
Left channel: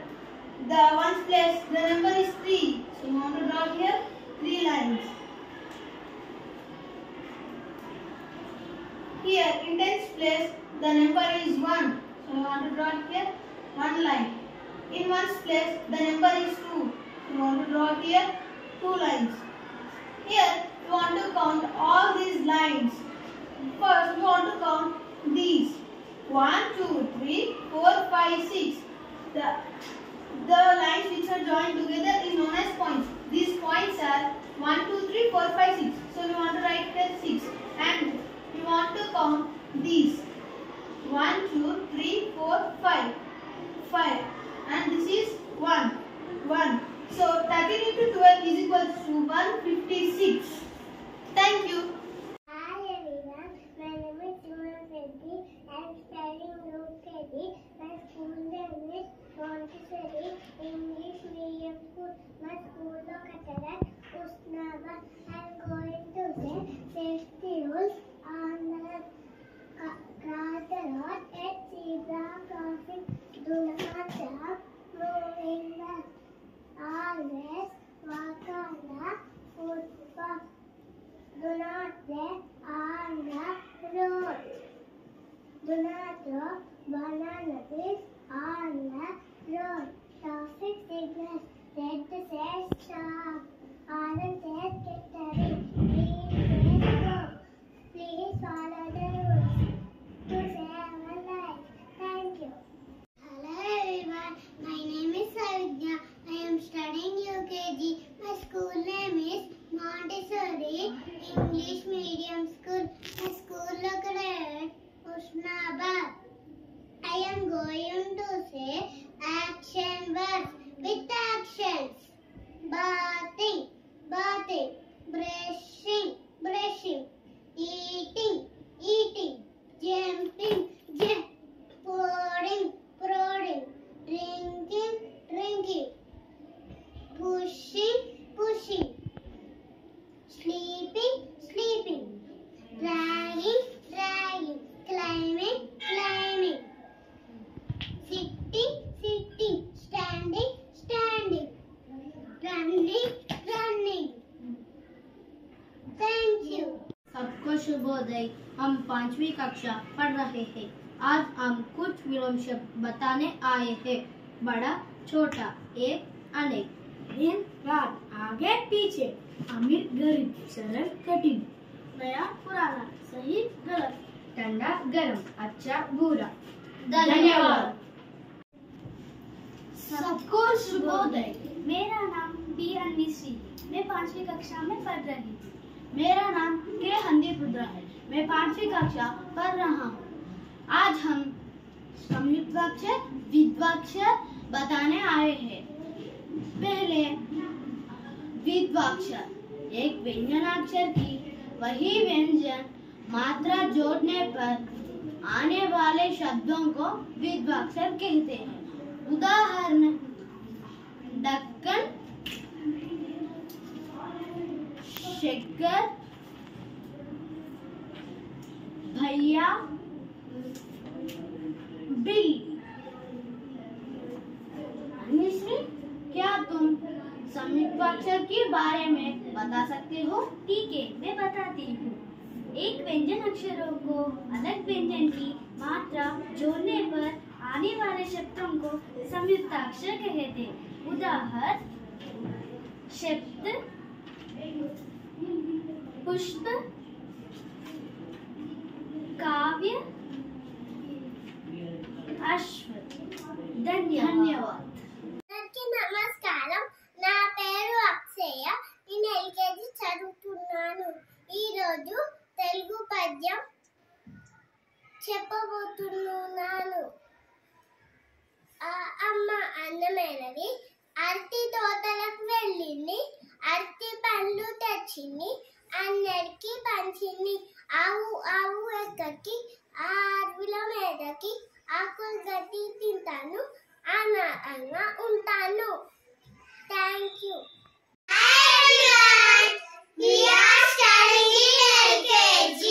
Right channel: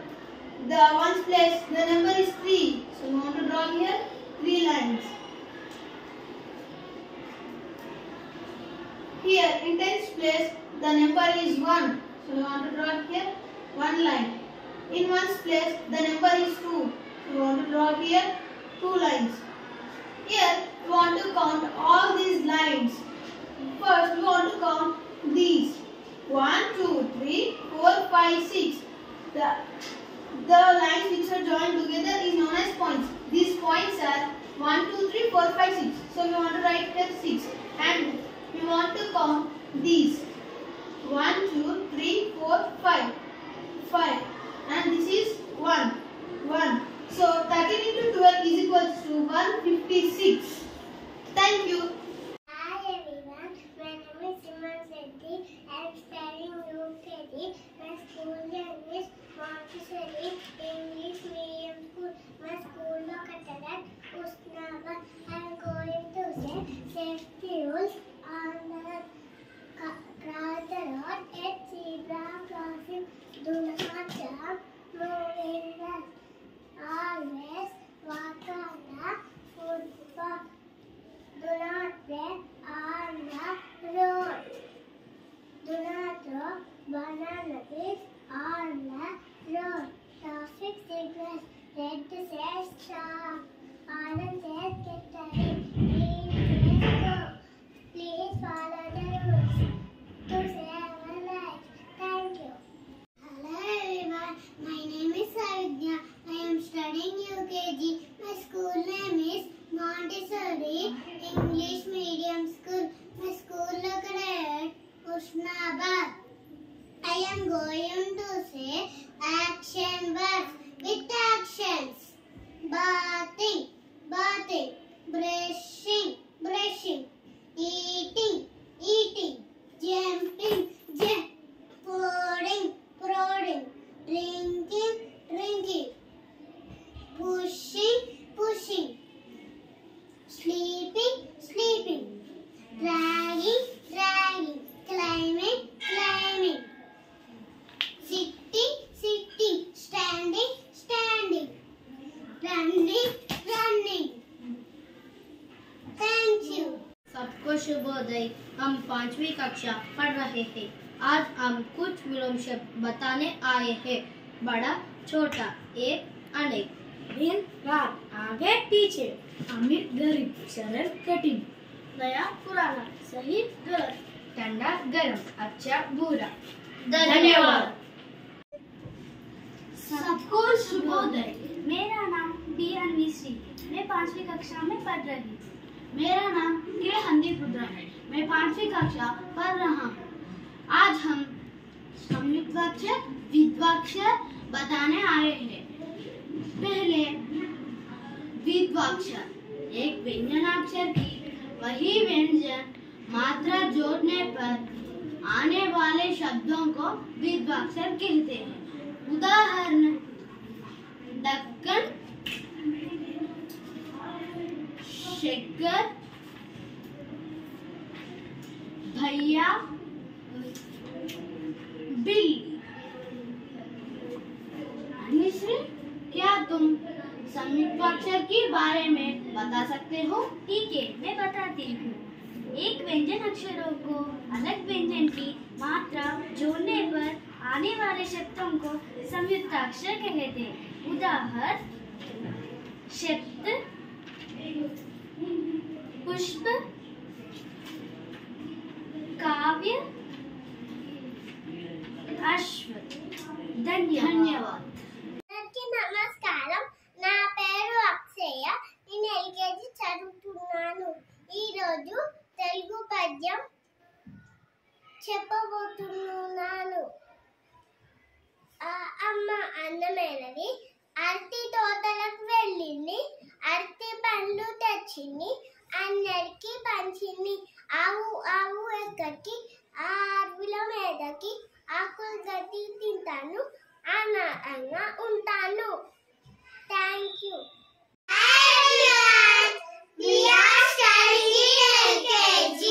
the ones place the number is 3. So we want to draw here 3 lines. Here in tens place the number is 1. So we want to draw here one line. In ones place the number is 2. We want to draw here 2 lines. Here we want to count all these lines. First we want to count these. 1, 2, 3, 4, 5, 6. The lines which are joined together is known as points. These points are 1, 2, 3, 4, 5, 6. So we want to write here 6. And we want to count these. 1, 2, 3, 4, 5. 5. And this is 1. 1. So 13 into 12 is equals to 156. Thank you. Hi everyone, my name is Simon Sethi. I am studying UKG. My school name is Montessori English Medium School. My school located at Usnabad. I am going to say safety rules on the cross the road at zebra crossing. Do not jump, move in the always walk on the footpath. Do not play on the road. Do not throw banana peels on the road. Traffic signals, red says stop, orange says get ready, green says go. Please follow the rules to save a life. Thank you. Hello everyone, my name is Savidya. I am studying UKG. My school name is Montessori English Medium School. My school located at Usnabad. I am going to say action words with actions. Bathing, bathing. सबको शुभोदय। हम 5वीं कक्षा पढ़ रहे हैं। आज हम कुछ विलोम शब्द बताने आए हैं। बड़ा, छोटा, एक, अनेक, दिन रात, आगे पीछे, अमीर गरीब, सरल कठिन, नया पुराना, सही गलत, ठंडा गर्म, अच्छा बुरा। धन्यवाद। सबको शुभोदय। मेरा नाम बी अन्वीश्री, मैं 5वीं कक्षा में पढ़ रही हूँ। मेरा नाम के हंदीप रुद्रा है। मैं 5वीं कक्षा पढ़ रहा हूँ। आज हम संयुक्त वाक्य, द्विवाक्य बताने आए हैं। पहले द्विवाक्षर, एक व्यंजनाक्षर की वही व्यंजन मात्रा जोड़ने पर आने वाले शब्दों को द्विवाक्षर कहते हैं। उदाहरण, ढक्कन, शक्कर, भैया, बिल्ली। मिश्री, क्या तुम संयुक्त वाक्य के बारे में बता सकते हो? ठीक है, मैं बताती हूँ। एक व्यंजन अक्षरों को अलग व्यंजन की मात्रा जोड़ने पर आने वाले शब्दों को संयुक्ताक्षर कहते हैं। उदाहरण, शब्द, पुष्प, काव्य, अश्व। धन्यवाद। అందరికీ నమస్కారం. నా పేరు అక్షయ. నేను ఎల్కేజీ చదువుతున్నాను. ఈరోజు తెలుగు పద్యం చెప్పబోతున్నాను. అమ్మ అన్నమేనది అరటి తోటలకు వెళ్ళింది. అరటి పండ్లు తెచ్చింది. అందరికి పంచింది. ఆవు ఆవు ఎక్కడికి, ఆ అడవిల మీదకి, ఆకులు గడ్డి తింటాను, అన్నా ఉంటాను. Thank you. We are studying in LKG.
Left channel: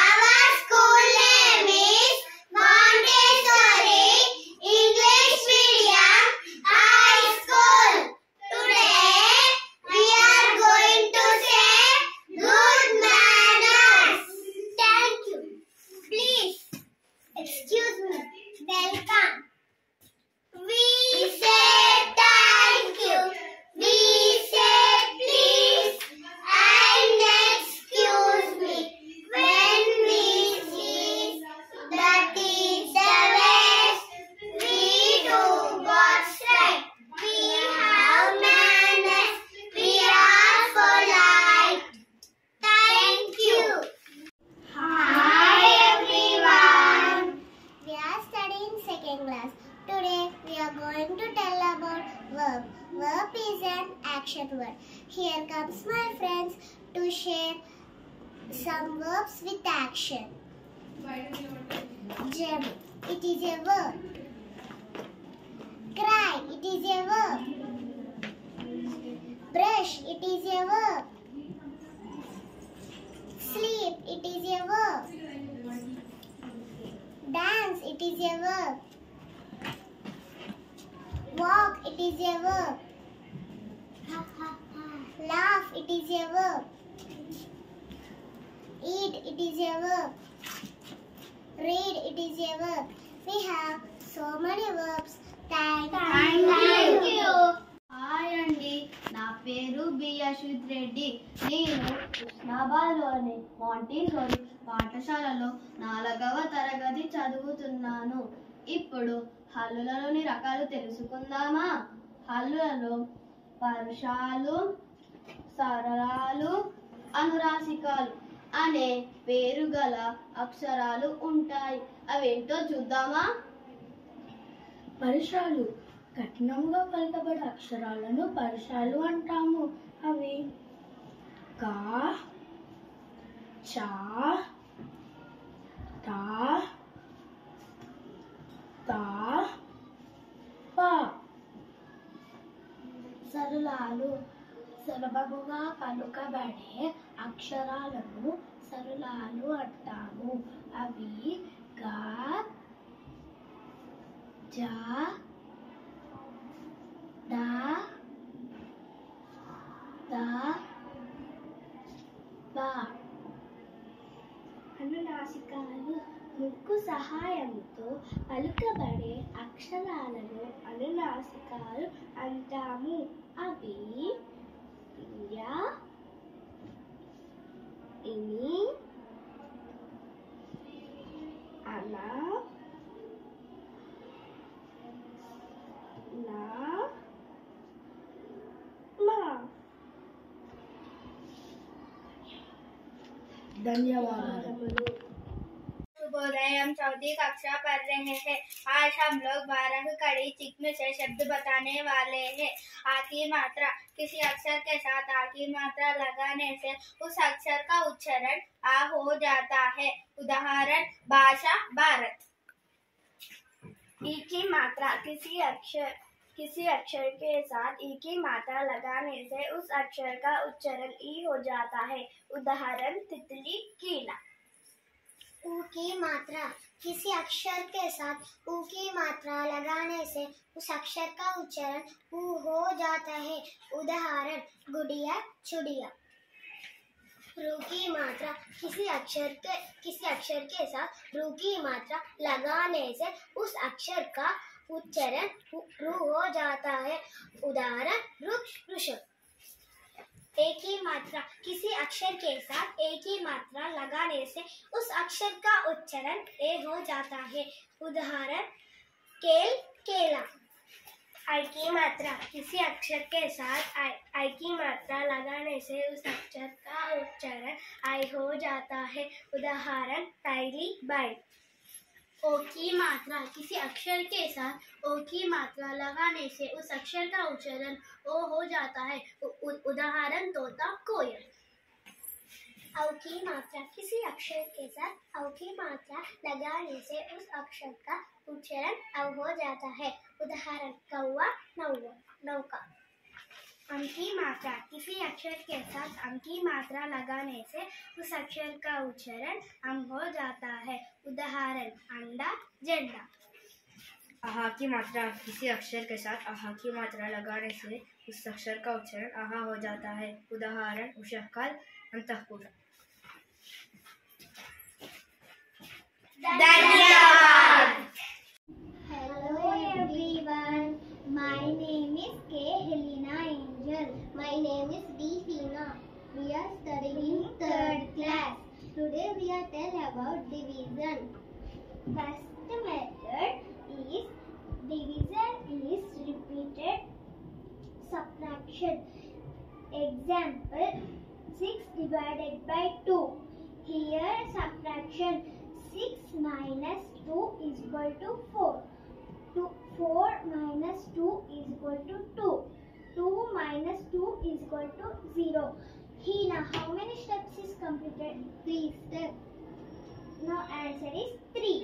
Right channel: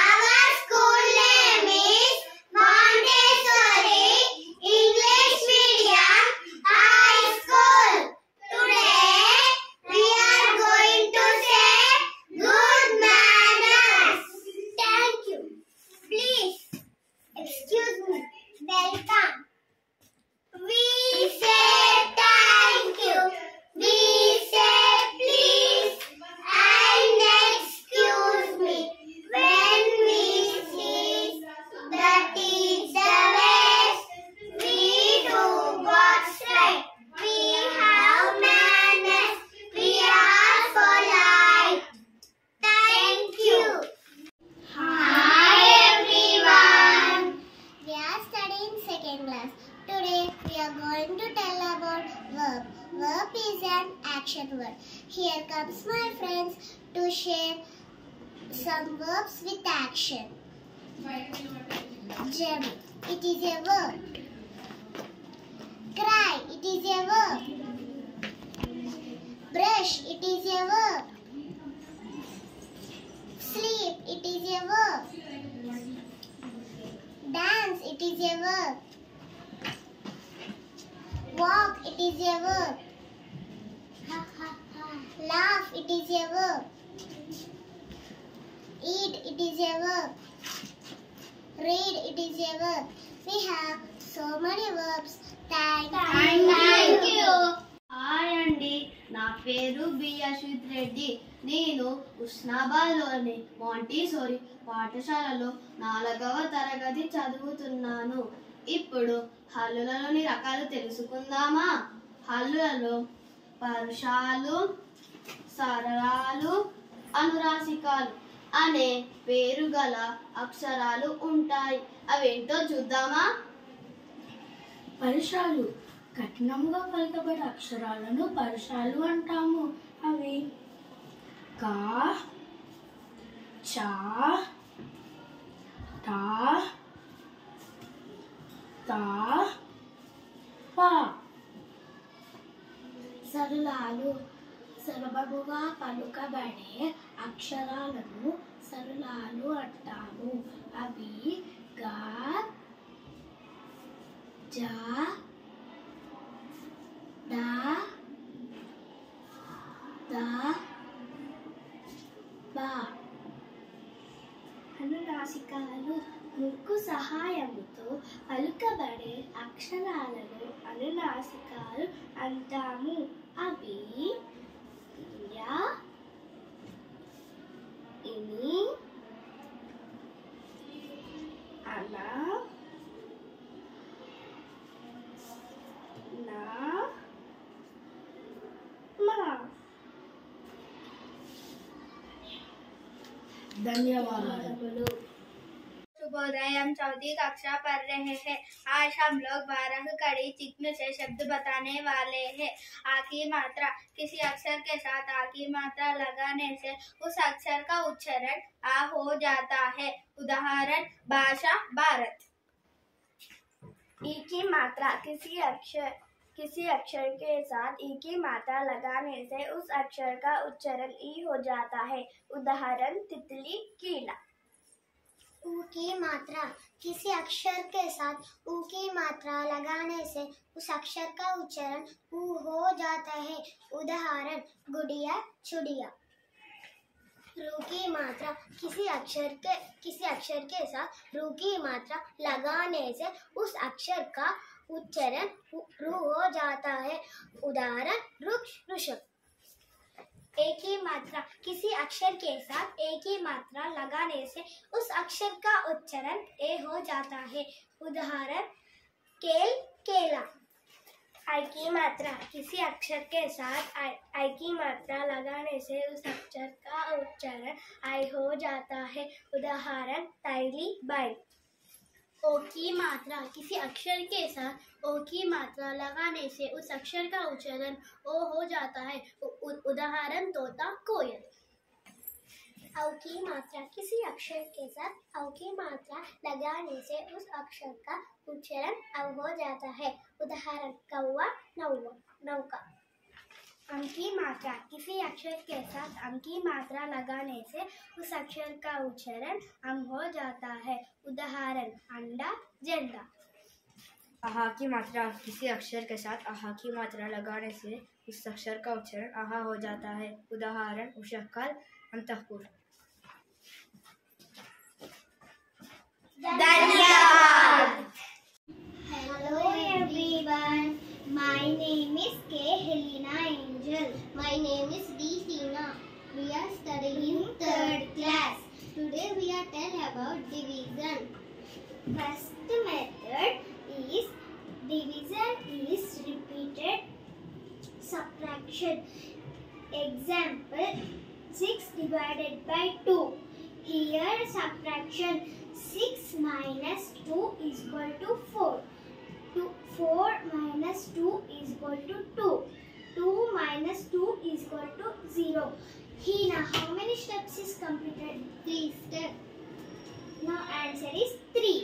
Our school name is Montessori English Medium High School. Today we are going to say good manners. Thank you. Please excuse me. Welcome. We say thank you. We say please and excuse me. When we see the teacher ways, we do what's right. We have manners. We are polite. Thank you. Hi everyone. We are studying second class. Today we are going to tell about verb. Verb is an action word. Here comes my friends to share some verbs with action. Jump, it is a verb. Cry, it is a verb. Brush, it is a verb. Sleep, it is a verb. Dance, it is a verb. Walk, it is a verb. Laugh, it is a verb. Eat, it is a verb. Read, it is a verb. We have so many verbs. Thank you. Hi అండి, నా పేరు B Ashwith Reddy. నేను ఉస్నాబాద్లోని Montessori పాఠశాలలో 4వ తరగతి చదువుతున్నాను. ఇప్పుడు హల్లులలోని రకాలు తెలుసుకుందామా? హల్లులలో పరుషాలు, సరళాలు, అనునాసికాలు అనే పేరు గల అక్షరాలు ఉంటాయి. అవేంటో చూద్దామా? పరుషాలు కఠినంగా పలకబడే అక్షరాలను పరుషాలు అంటాము. అవి కా, చా, టా, తా, పా. సరళాలు సులభముగా పలుకబడే అక్షరాలను సరళాలు అంటాము. అవి గా, జా, డా, దా, బా. నాసికాలు ముక్కు సహాయముతో పలుకబడే అక్షరాలను అనునాసికాలు అంటాము. అవి య, ఇని, అన, నా, మా. ధన్యవాదాలు. शुभोदय। हम चौथी कक्षा पढ़ रहे हैं। आज हम लोग 12 कड़ी चिह्न से शब्द बताने वाले हैं। आ की मात्रा, किसी अक्षर के साथ आ की मात्रा लगाने से उस अक्षर का उच्चारण आ हो जाता है। उदाहरण भाषा भारत। ई की मात्रा, किसी अक्षर के साथ ई की मात्रा लगाने से उस अक्षर का उच्चारण ई हो जाता है। उदाहरण तितली कीड़ा। ऊ की मात्रा, किसी अक्षर के साथ ऊ की मात्रा लगाने से उस अक्षर का उच्चारण ऊ हो जाता है। उदाहरण गुड़िया चुड़िया। रू की मात्रा, किसी अक्षर के साथ रू की मात्रा लगाने से उस अक्षर का उच्चारण रू हो जाता है। उदाहरण वृक्ष वृषभ। ए की मात्रा, किसी अक्षर के साथ ए की मात्रा लगाने से उस अक्षर का उच्चारण ए हो जाता है। उदाहरण केल केला। आई की मात्रा, किसी अक्षर के साथ आई की मात्रा लगाने से उस अक्षर का उच्चारण आई हो जाता है। उदाहरण टाइली बाई। ओ की मात्रा, किसी अक्षर के साथ ओ की मात्रा लगाने से उस अक्षर का उच्चारण ओ हो जाता है। उदाहरण तोता कोयल। औ की मात्रा, किसी अक्षर के साथ औ की मात्रा लगाने से उस अक्षर का उच्चारण औ हो जाता है। उदाहरण कौवा नौका। अं की मात्रा, किसी अक्षर के साथ अं की मात्रा लगाने से उस अक्षर का उच्चारण अं हो जाता है। उदाहरण अंडा झंडा। आहा की मात्रा, किसी अक्षर के साथ आहा की मात्रा लगाने से उस अक्षर का उच्चारण आहा हो जाता है। उदाहरण उषःकाल अंतःपुर। धन्यवाद। Hello everyone, my name is K. Helena Angel. My name is D. Tina. We are studying 3rd class. Today we are telling about division. First method is division is repeated subtraction. Example 6 divided by 2. Here subtraction 6 minus 2 is equal to 4. 4 minus 2 is equal to 2. 2 minus 2 is equal to 0. Hina, how many steps is completed? 3 steps. Now answer is 3.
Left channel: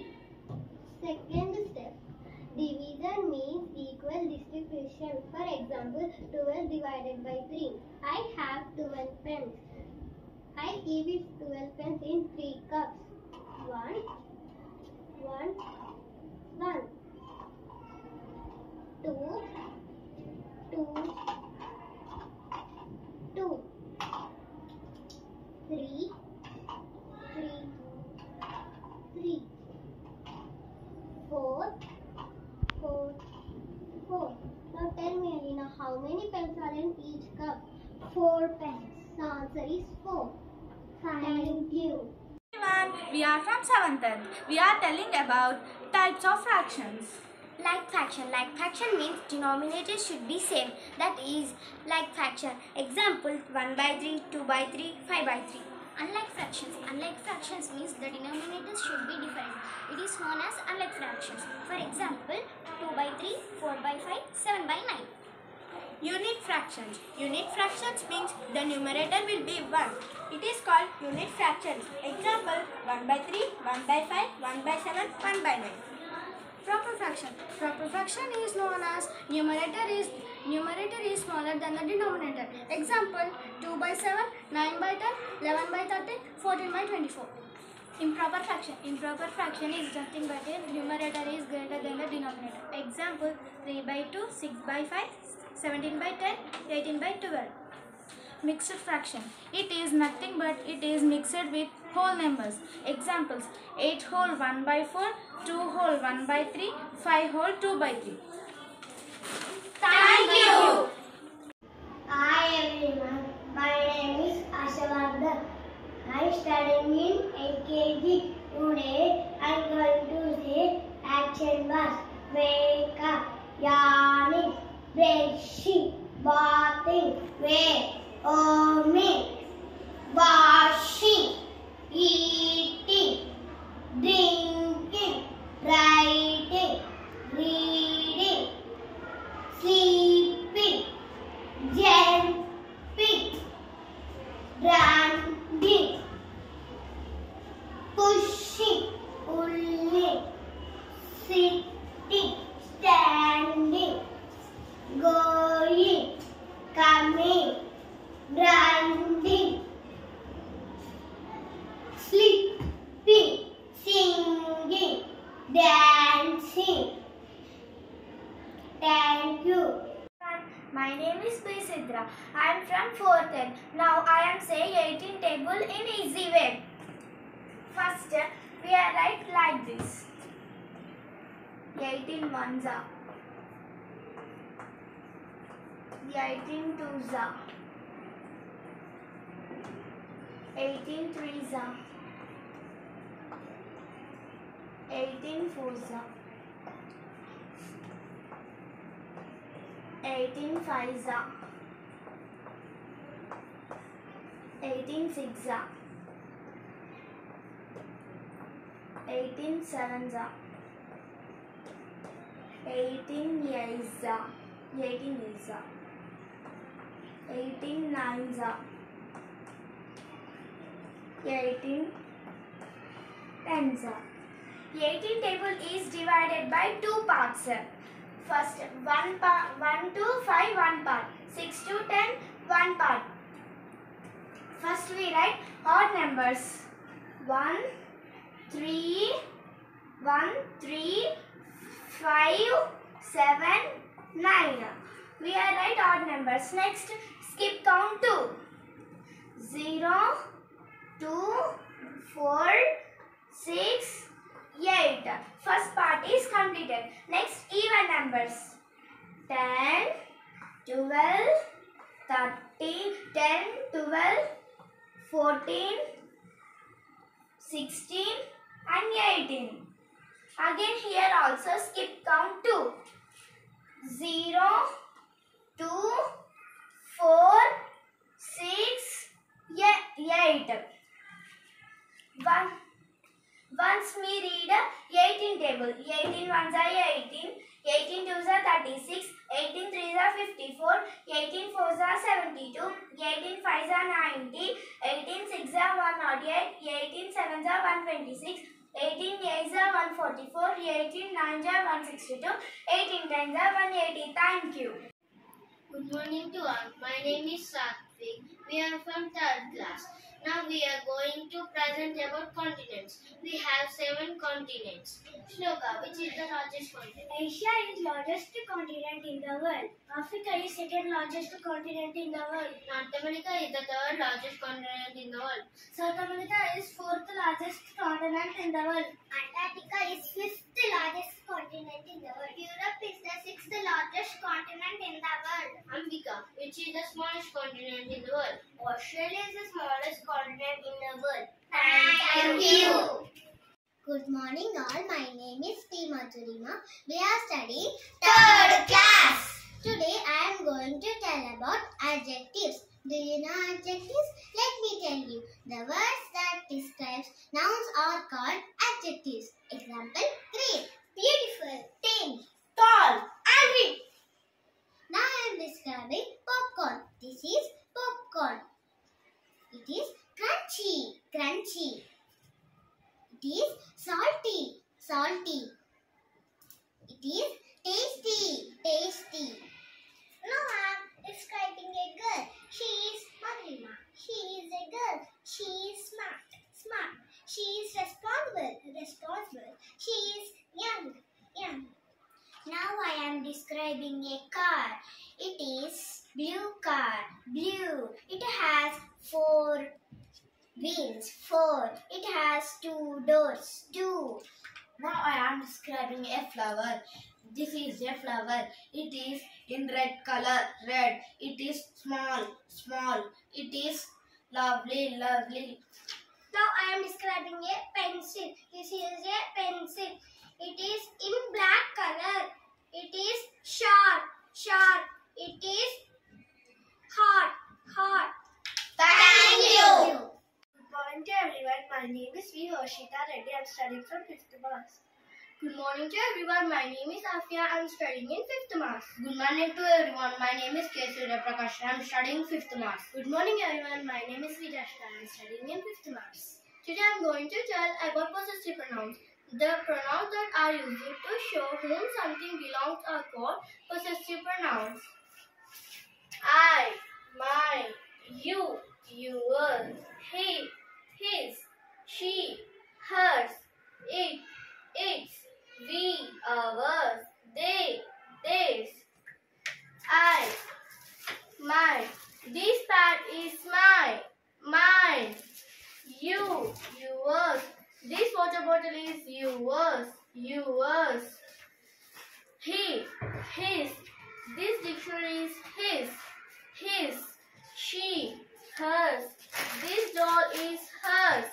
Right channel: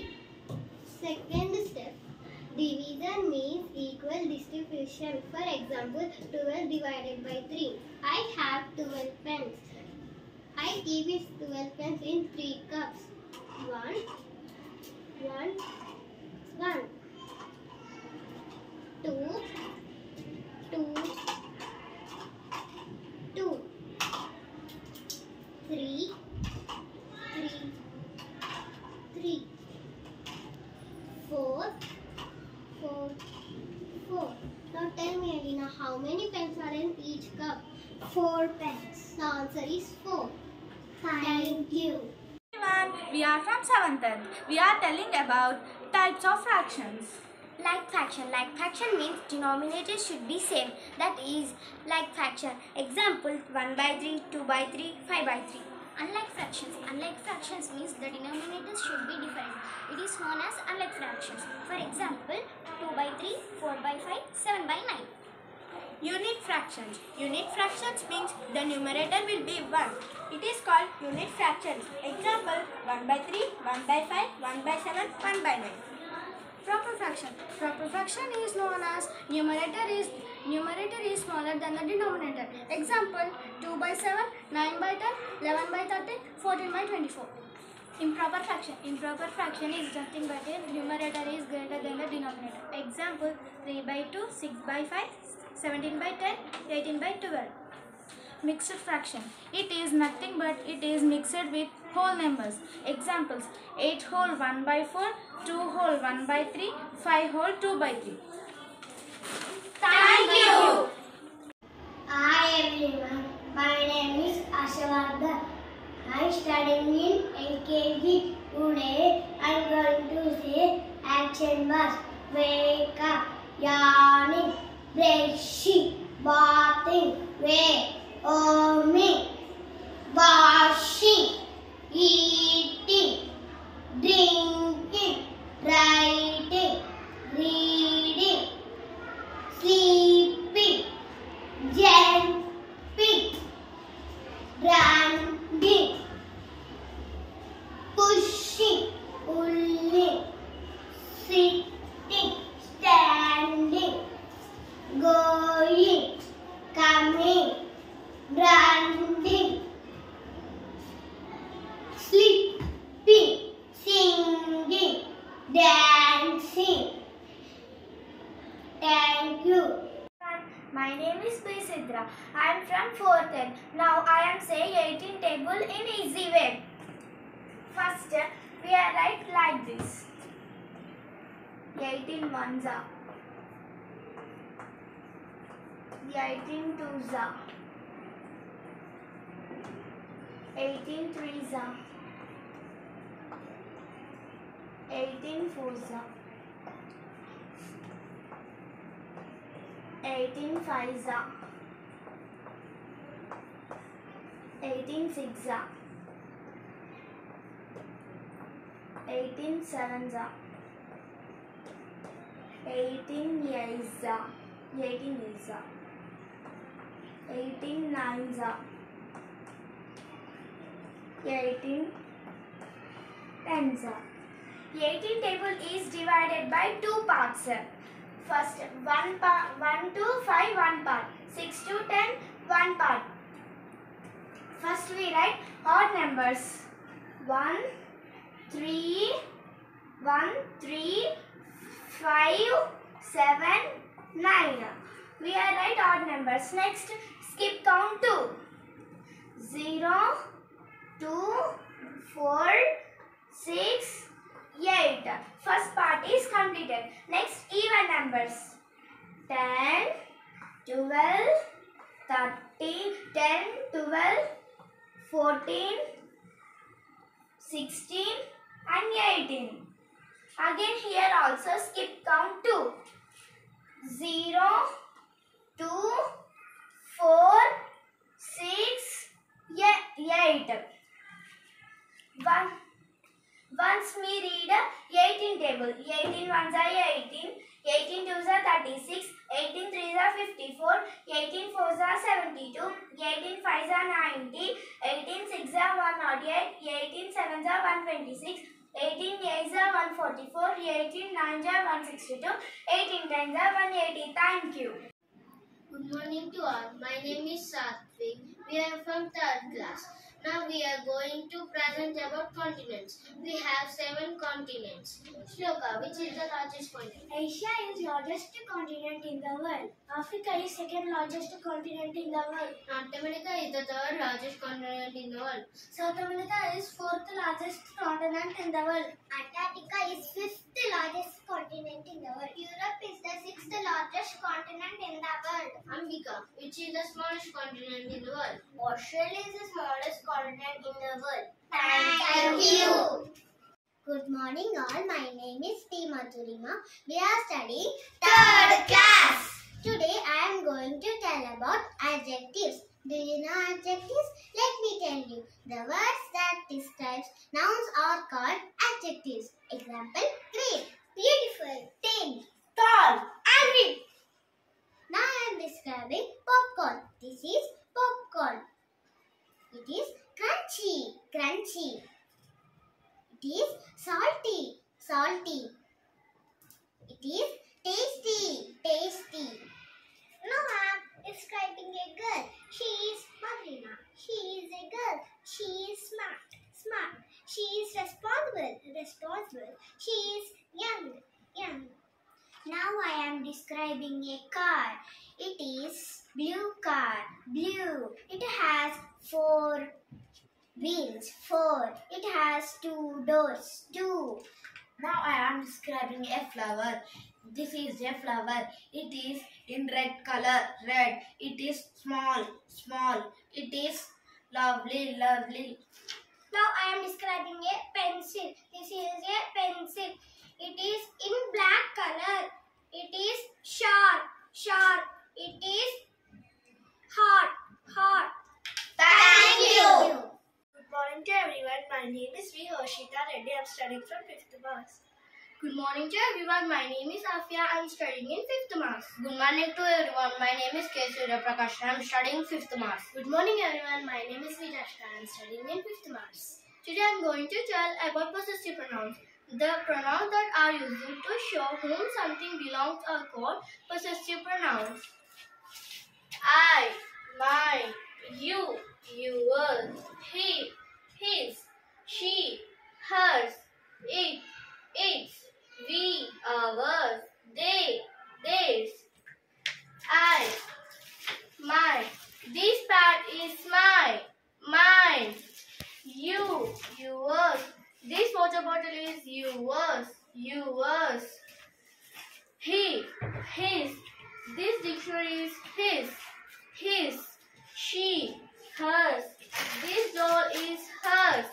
Second step. Division means equal distribution. For example, 12 divided by 3. I have 12 pens. I give it 12 pens in 3 cups. 1, 2, 3, 4. Now tell me, Alina, how many pens are in each cup? 4 pens. The answer is 4. Thank you. Everyone, we are from 7th. We are telling about types of fractions. Like fraction. Like fraction means denominator should be same. That is like fraction. Example 1 by 3, 2 by 3, 5 by 3. Unlike fractions. Unlike fractions means the denominators should be different. It is known as unlike fractions. For example 2 by 3, 4 by 5, 7 by 9. Unit fractions. Unit fractions means the numerator will be 1. It is called unit fractions. Example 1 by 3, 1 by 5, 1 by 7, 1 by 9. Proper fraction. Proper fraction is known as numerator is smaller than the denominator. Example 2 by 7, 9 by 10, 11 by 13, 14 by 24. Improper fraction. Improper fraction is nothing but a numerator is greater than the denominator. Example 3 by 2, 6 by 5, 17 by 10, 18 by 12. Mixed fraction. It is nothing but it is mixed with whole numbers. Examples: 8 whole 1 by 4, 2 whole 1 by 3, 5 whole 2 by 3. Thank you. Hi everyone, my name is Ashavardhan. I am studying in LKG. Today I am going to say action words. Wake up, yawning, brushing, bathing, warming, washing, eating, drinking, writing, reading, sleeping, jumping, running, pushing, pulling, sitting, standing, going, coming, running, sleeping, singing, dancing. Thank you. My name is B. Sidra. I am from 4th N. Now I am saying 18 table in easy way. First, we are write like this. 18 ones are. 18 twos are. 18 threes are. 18 fours are. 18 fives are. 18 sixes are. 18 sevens are. 18 eights are. 18 eights are. 18 nines are. 18 tens are. 18 table is divided by two parts. First, 1 to 5, 1 part. 6 to 10, 1 part. First we write odd numbers. 1, 3, 5, 7, 9. We are write odd numbers. Next, skip count 2. 0, 2, 4, 6, 8. First part is completed. Next, even numbers. 10, 12, 13, 10, 12, 14, 16 and 18. Again here also skip count 2. 0, 2, 4, 6, 8. Once we read 18 table. 18 ones are 18, 18 twos are 36, 18 threes are 54, 18 fours are 72, 18 fives are 90, 18 sixes are 108, 18 sevens are 126, 18 eights are 144, 18 nines are 162, 18 tens are 180. Thank you. Good morning to all. My name is Satvik. We are from 3rd class. Now we are going to present about continents. We have 7 continents. Shloka, which is the largest continent? Asia is largest continent in the world. Africa is second largest continent in the world. North America is the 3rd largest continent in the world. South America is fourth largest continent in the world. Antarctica is fifth largest continent in the world. Europe is the sixth largest continent in the world. Ambika, which is the smallest continent in the world? Australia is the smallest continent in the world. Thank you. Good morning all. My name is T. Madhurima. We are studying 3rd class. Today I am going to tell about adjectives. Do you know adjectives? Let me tell you. The words that describes nouns are called adjectives. Example: great, beautiful, thin, tall, and rich. Now I am describing popcorn. This is popcorn. It is crunchy, crunchy. It is salty, salty. It is tasty, tasty. Now I am describing a girl. She is Madhurima. She is a girl. She is smart, smart. She is responsible, responsible. She is young, young. Now I am describing a car. It is Blue car. Blue. It has 4 wheels. 4. It has 2 doors. 2. Now I am describing a flower. This is a flower. It is in red color. Red. It is small. Small. It is lovely. Lovely. Now I am describing a pencil. This is a pencil. It is in black color. It is sharp. Sharp. It is hard. Hard. Thank you. Good morning to everyone. My name is V. Harshita Reddy. I am studying from 5th Mass. Good morning to everyone. My name is Afia. I am studying in 5th Mass. Good morning to everyone. My name is K. Surya Prakash. I am studying 5th Mass. Good morning everyone. My name is Vijashka. I am studying in 5th Mass. Today I am going to tell about possessive pronouns. The pronouns that are used to show whom something belongs are called possessive pronouns. I, my, you, yours, he, his, she, hers, it, its, we, ours, they, theirs. I, my. This pad is mine. You, yours. This water bottle is yours. He, his. This dictionary is his. She, hers. This doll is hers.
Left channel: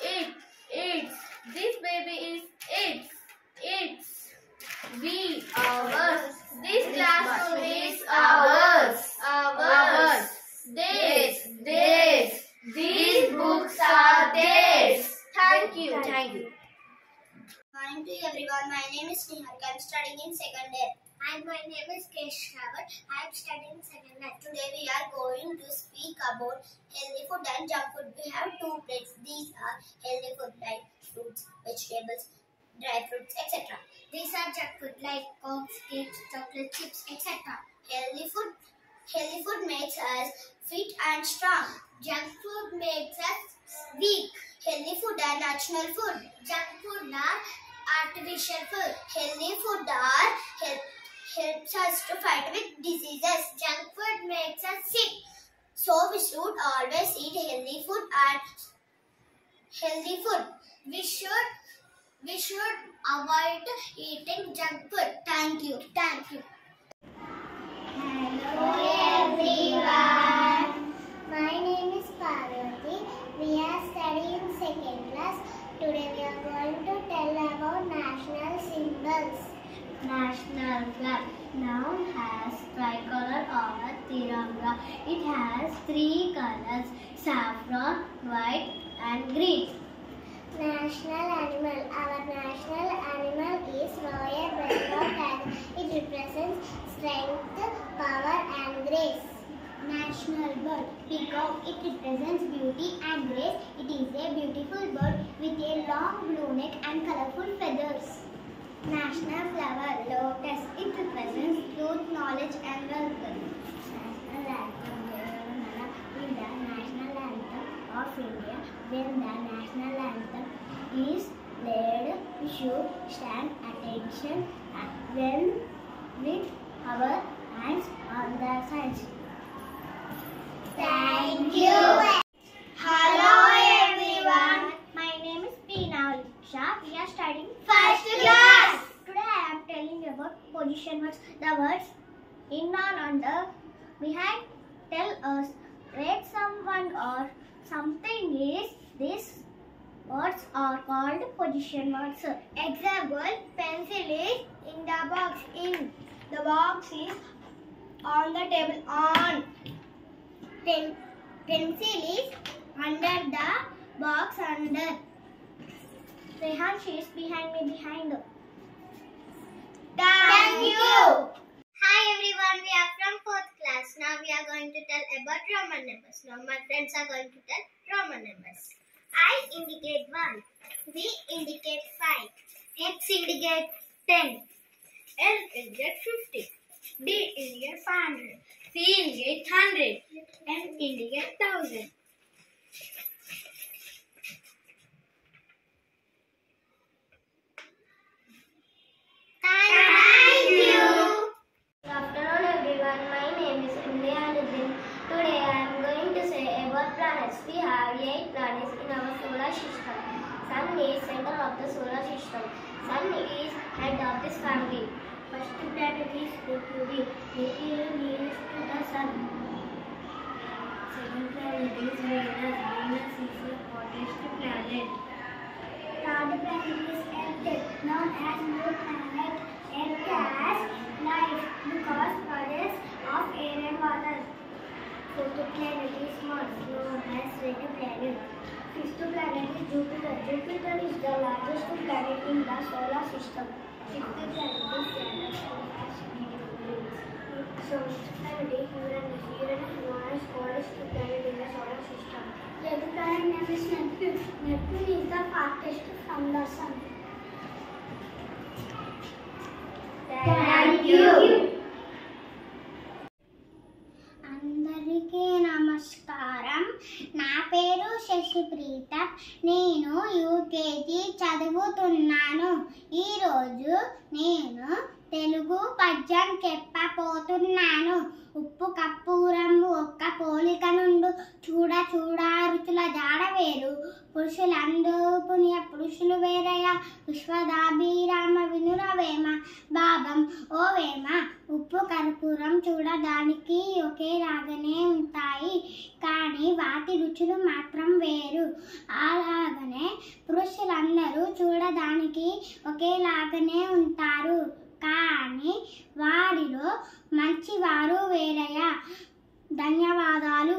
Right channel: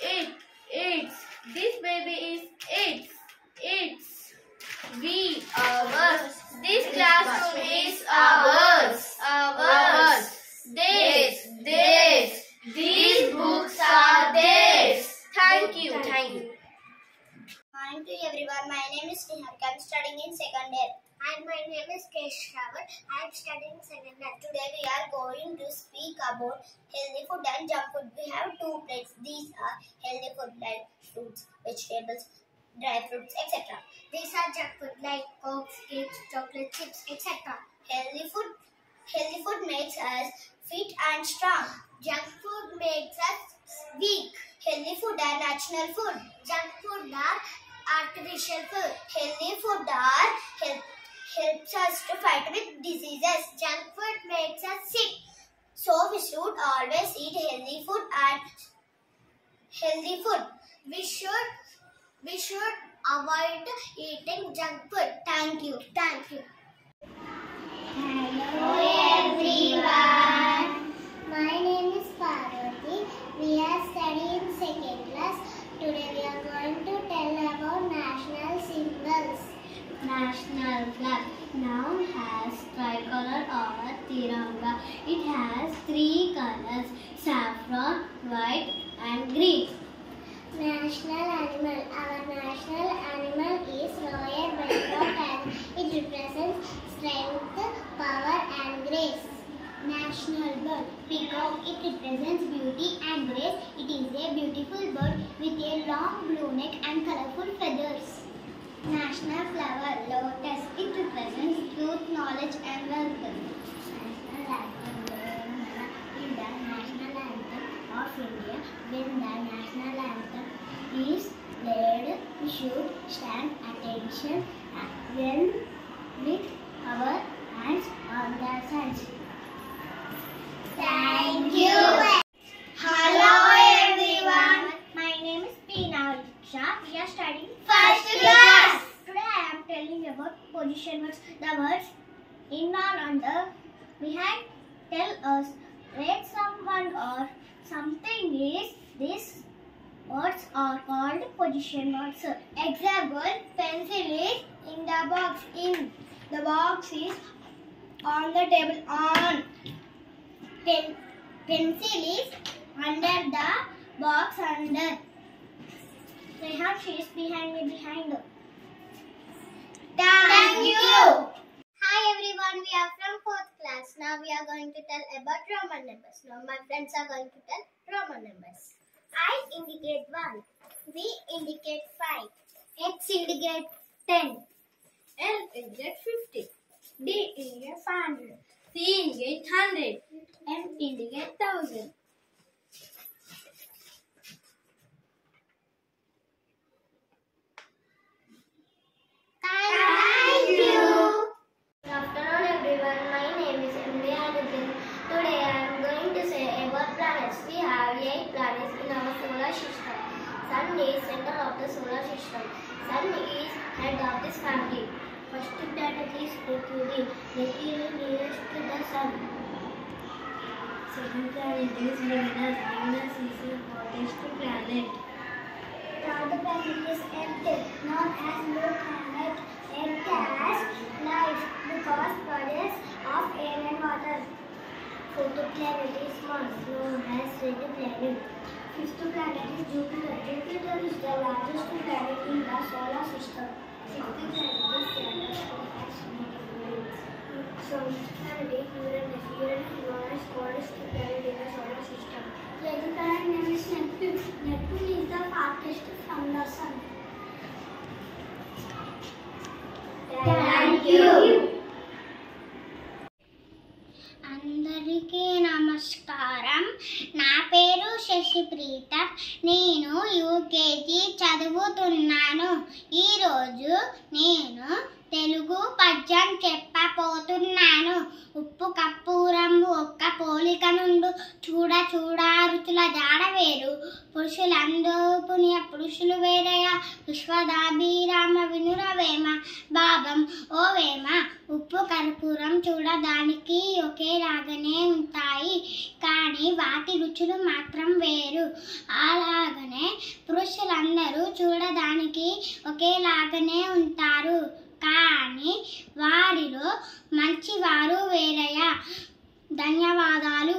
Its. This baby is its. We, ours. This classroom is ours. Theirs. These books are theirs. Thank you. Morning to everyone. My name is Niharika. I am studying in 2nd year. And my name is Keshavar. I am studying 2nd year. Today we are going to speak about healthy food and junk food. We have 2 plates. These are healthy food like fruits, vegetables, dry fruits, etc. These are junk food like cokes, cakes, chocolate chips, etc. Healthy food makes us fit and strong. Junk food makes us weak. Healthy food are natural food. Junk food are artificial food. Healthy food helps us to fight with diseases. Junk food makes us sick. So we should always eat healthy food and healthy food. We should avoid eating junk food. Thank you. Hello everyone. My name is Parvati. We are studying in 2nd class. Today we are going to tell about national symbols. National flag. Noun has tricolor or tiranga. It has 3 colors: saffron, white and green. National animal. Our national animal is Royal Bengal tiger. It represents strength, power and grace. National bird. Peacock. It represents beauty and grace. It is a beautiful bird with a long blue neck and colorful feathers. National flower. Lotus. It represents truth, knowledge and wealth. National anthem. Is the national anthem of India. When the national anthem is played, we should stand attention when with our hands on the sides. Thank you. Hello everyone. My name is Peena Shah. We are studying 1st class. Today I am telling about position words. The words in or under, behind tell us where someone or something is. These words are called position words. Example: pencil is in the box. In the box is on the table. On pencil is under the box. Under. Rehan, she is behind me. Behind. Thank you. Hi everyone, we are from 4th class. Now we are going to tell about Roman numbers. Now my friends are going to tell Roman numbers. I indicate 1. V indicate 5. X indicate 10. L indicate 50. D indicate 500. C indicate 100. M indicate 1000. Thank you. Good afternoon everyone. planets. We have 8 planets in our solar system. Sun is center of the solar system. Sun is head of this family. First planet is Mercury. Mercury nearest to the Sun. Second planet is Venus. Venus is the hottest planet. Third planet is Earth, known as blue planet. Earth has life because bodies of air and water. Fourth planet is Mars, known as red planet. Fifth planet is Jupiter. Jupiter is the largest planet in the solar system. Sixth planet is Saturn, known as Mercury. Seventh planet is Uranus. Uranus is known as coldest planet in the solar system. The eighth planet name is Neptune. Neptune is the farthest from the Sun. Thank you. అందరికీ నమస్కారం. నా పేరు శశిప్రీత. నేను UKG చదువుతున్నాను. ఈరోజు నేను తెలుగు పద్యం చెప్పబోతున్నాను. ఉప్పు కప్పూరం ఒక్క పోలిక నుండు, చూడ చూడ రుచుల జాడ వేరు. పురుషులందు పుణ్య పురుషులు వేరయ, విశ్వదాభిరామ వినురవేమ. భాగం ఓ వేమ, ఉప్పు కర్పూరం చూడడానికి ఒకేలాగానే ఉంటాయి, కానీ వాటి రుచులు మాత్రం వేరు. అలాగనే పురుషులందరూ చూడడానికి ఒకేలాగానే ఉంటారు, కానీ వారిలో మంచివారు వేరయ్య. ధన్యవాదాలు.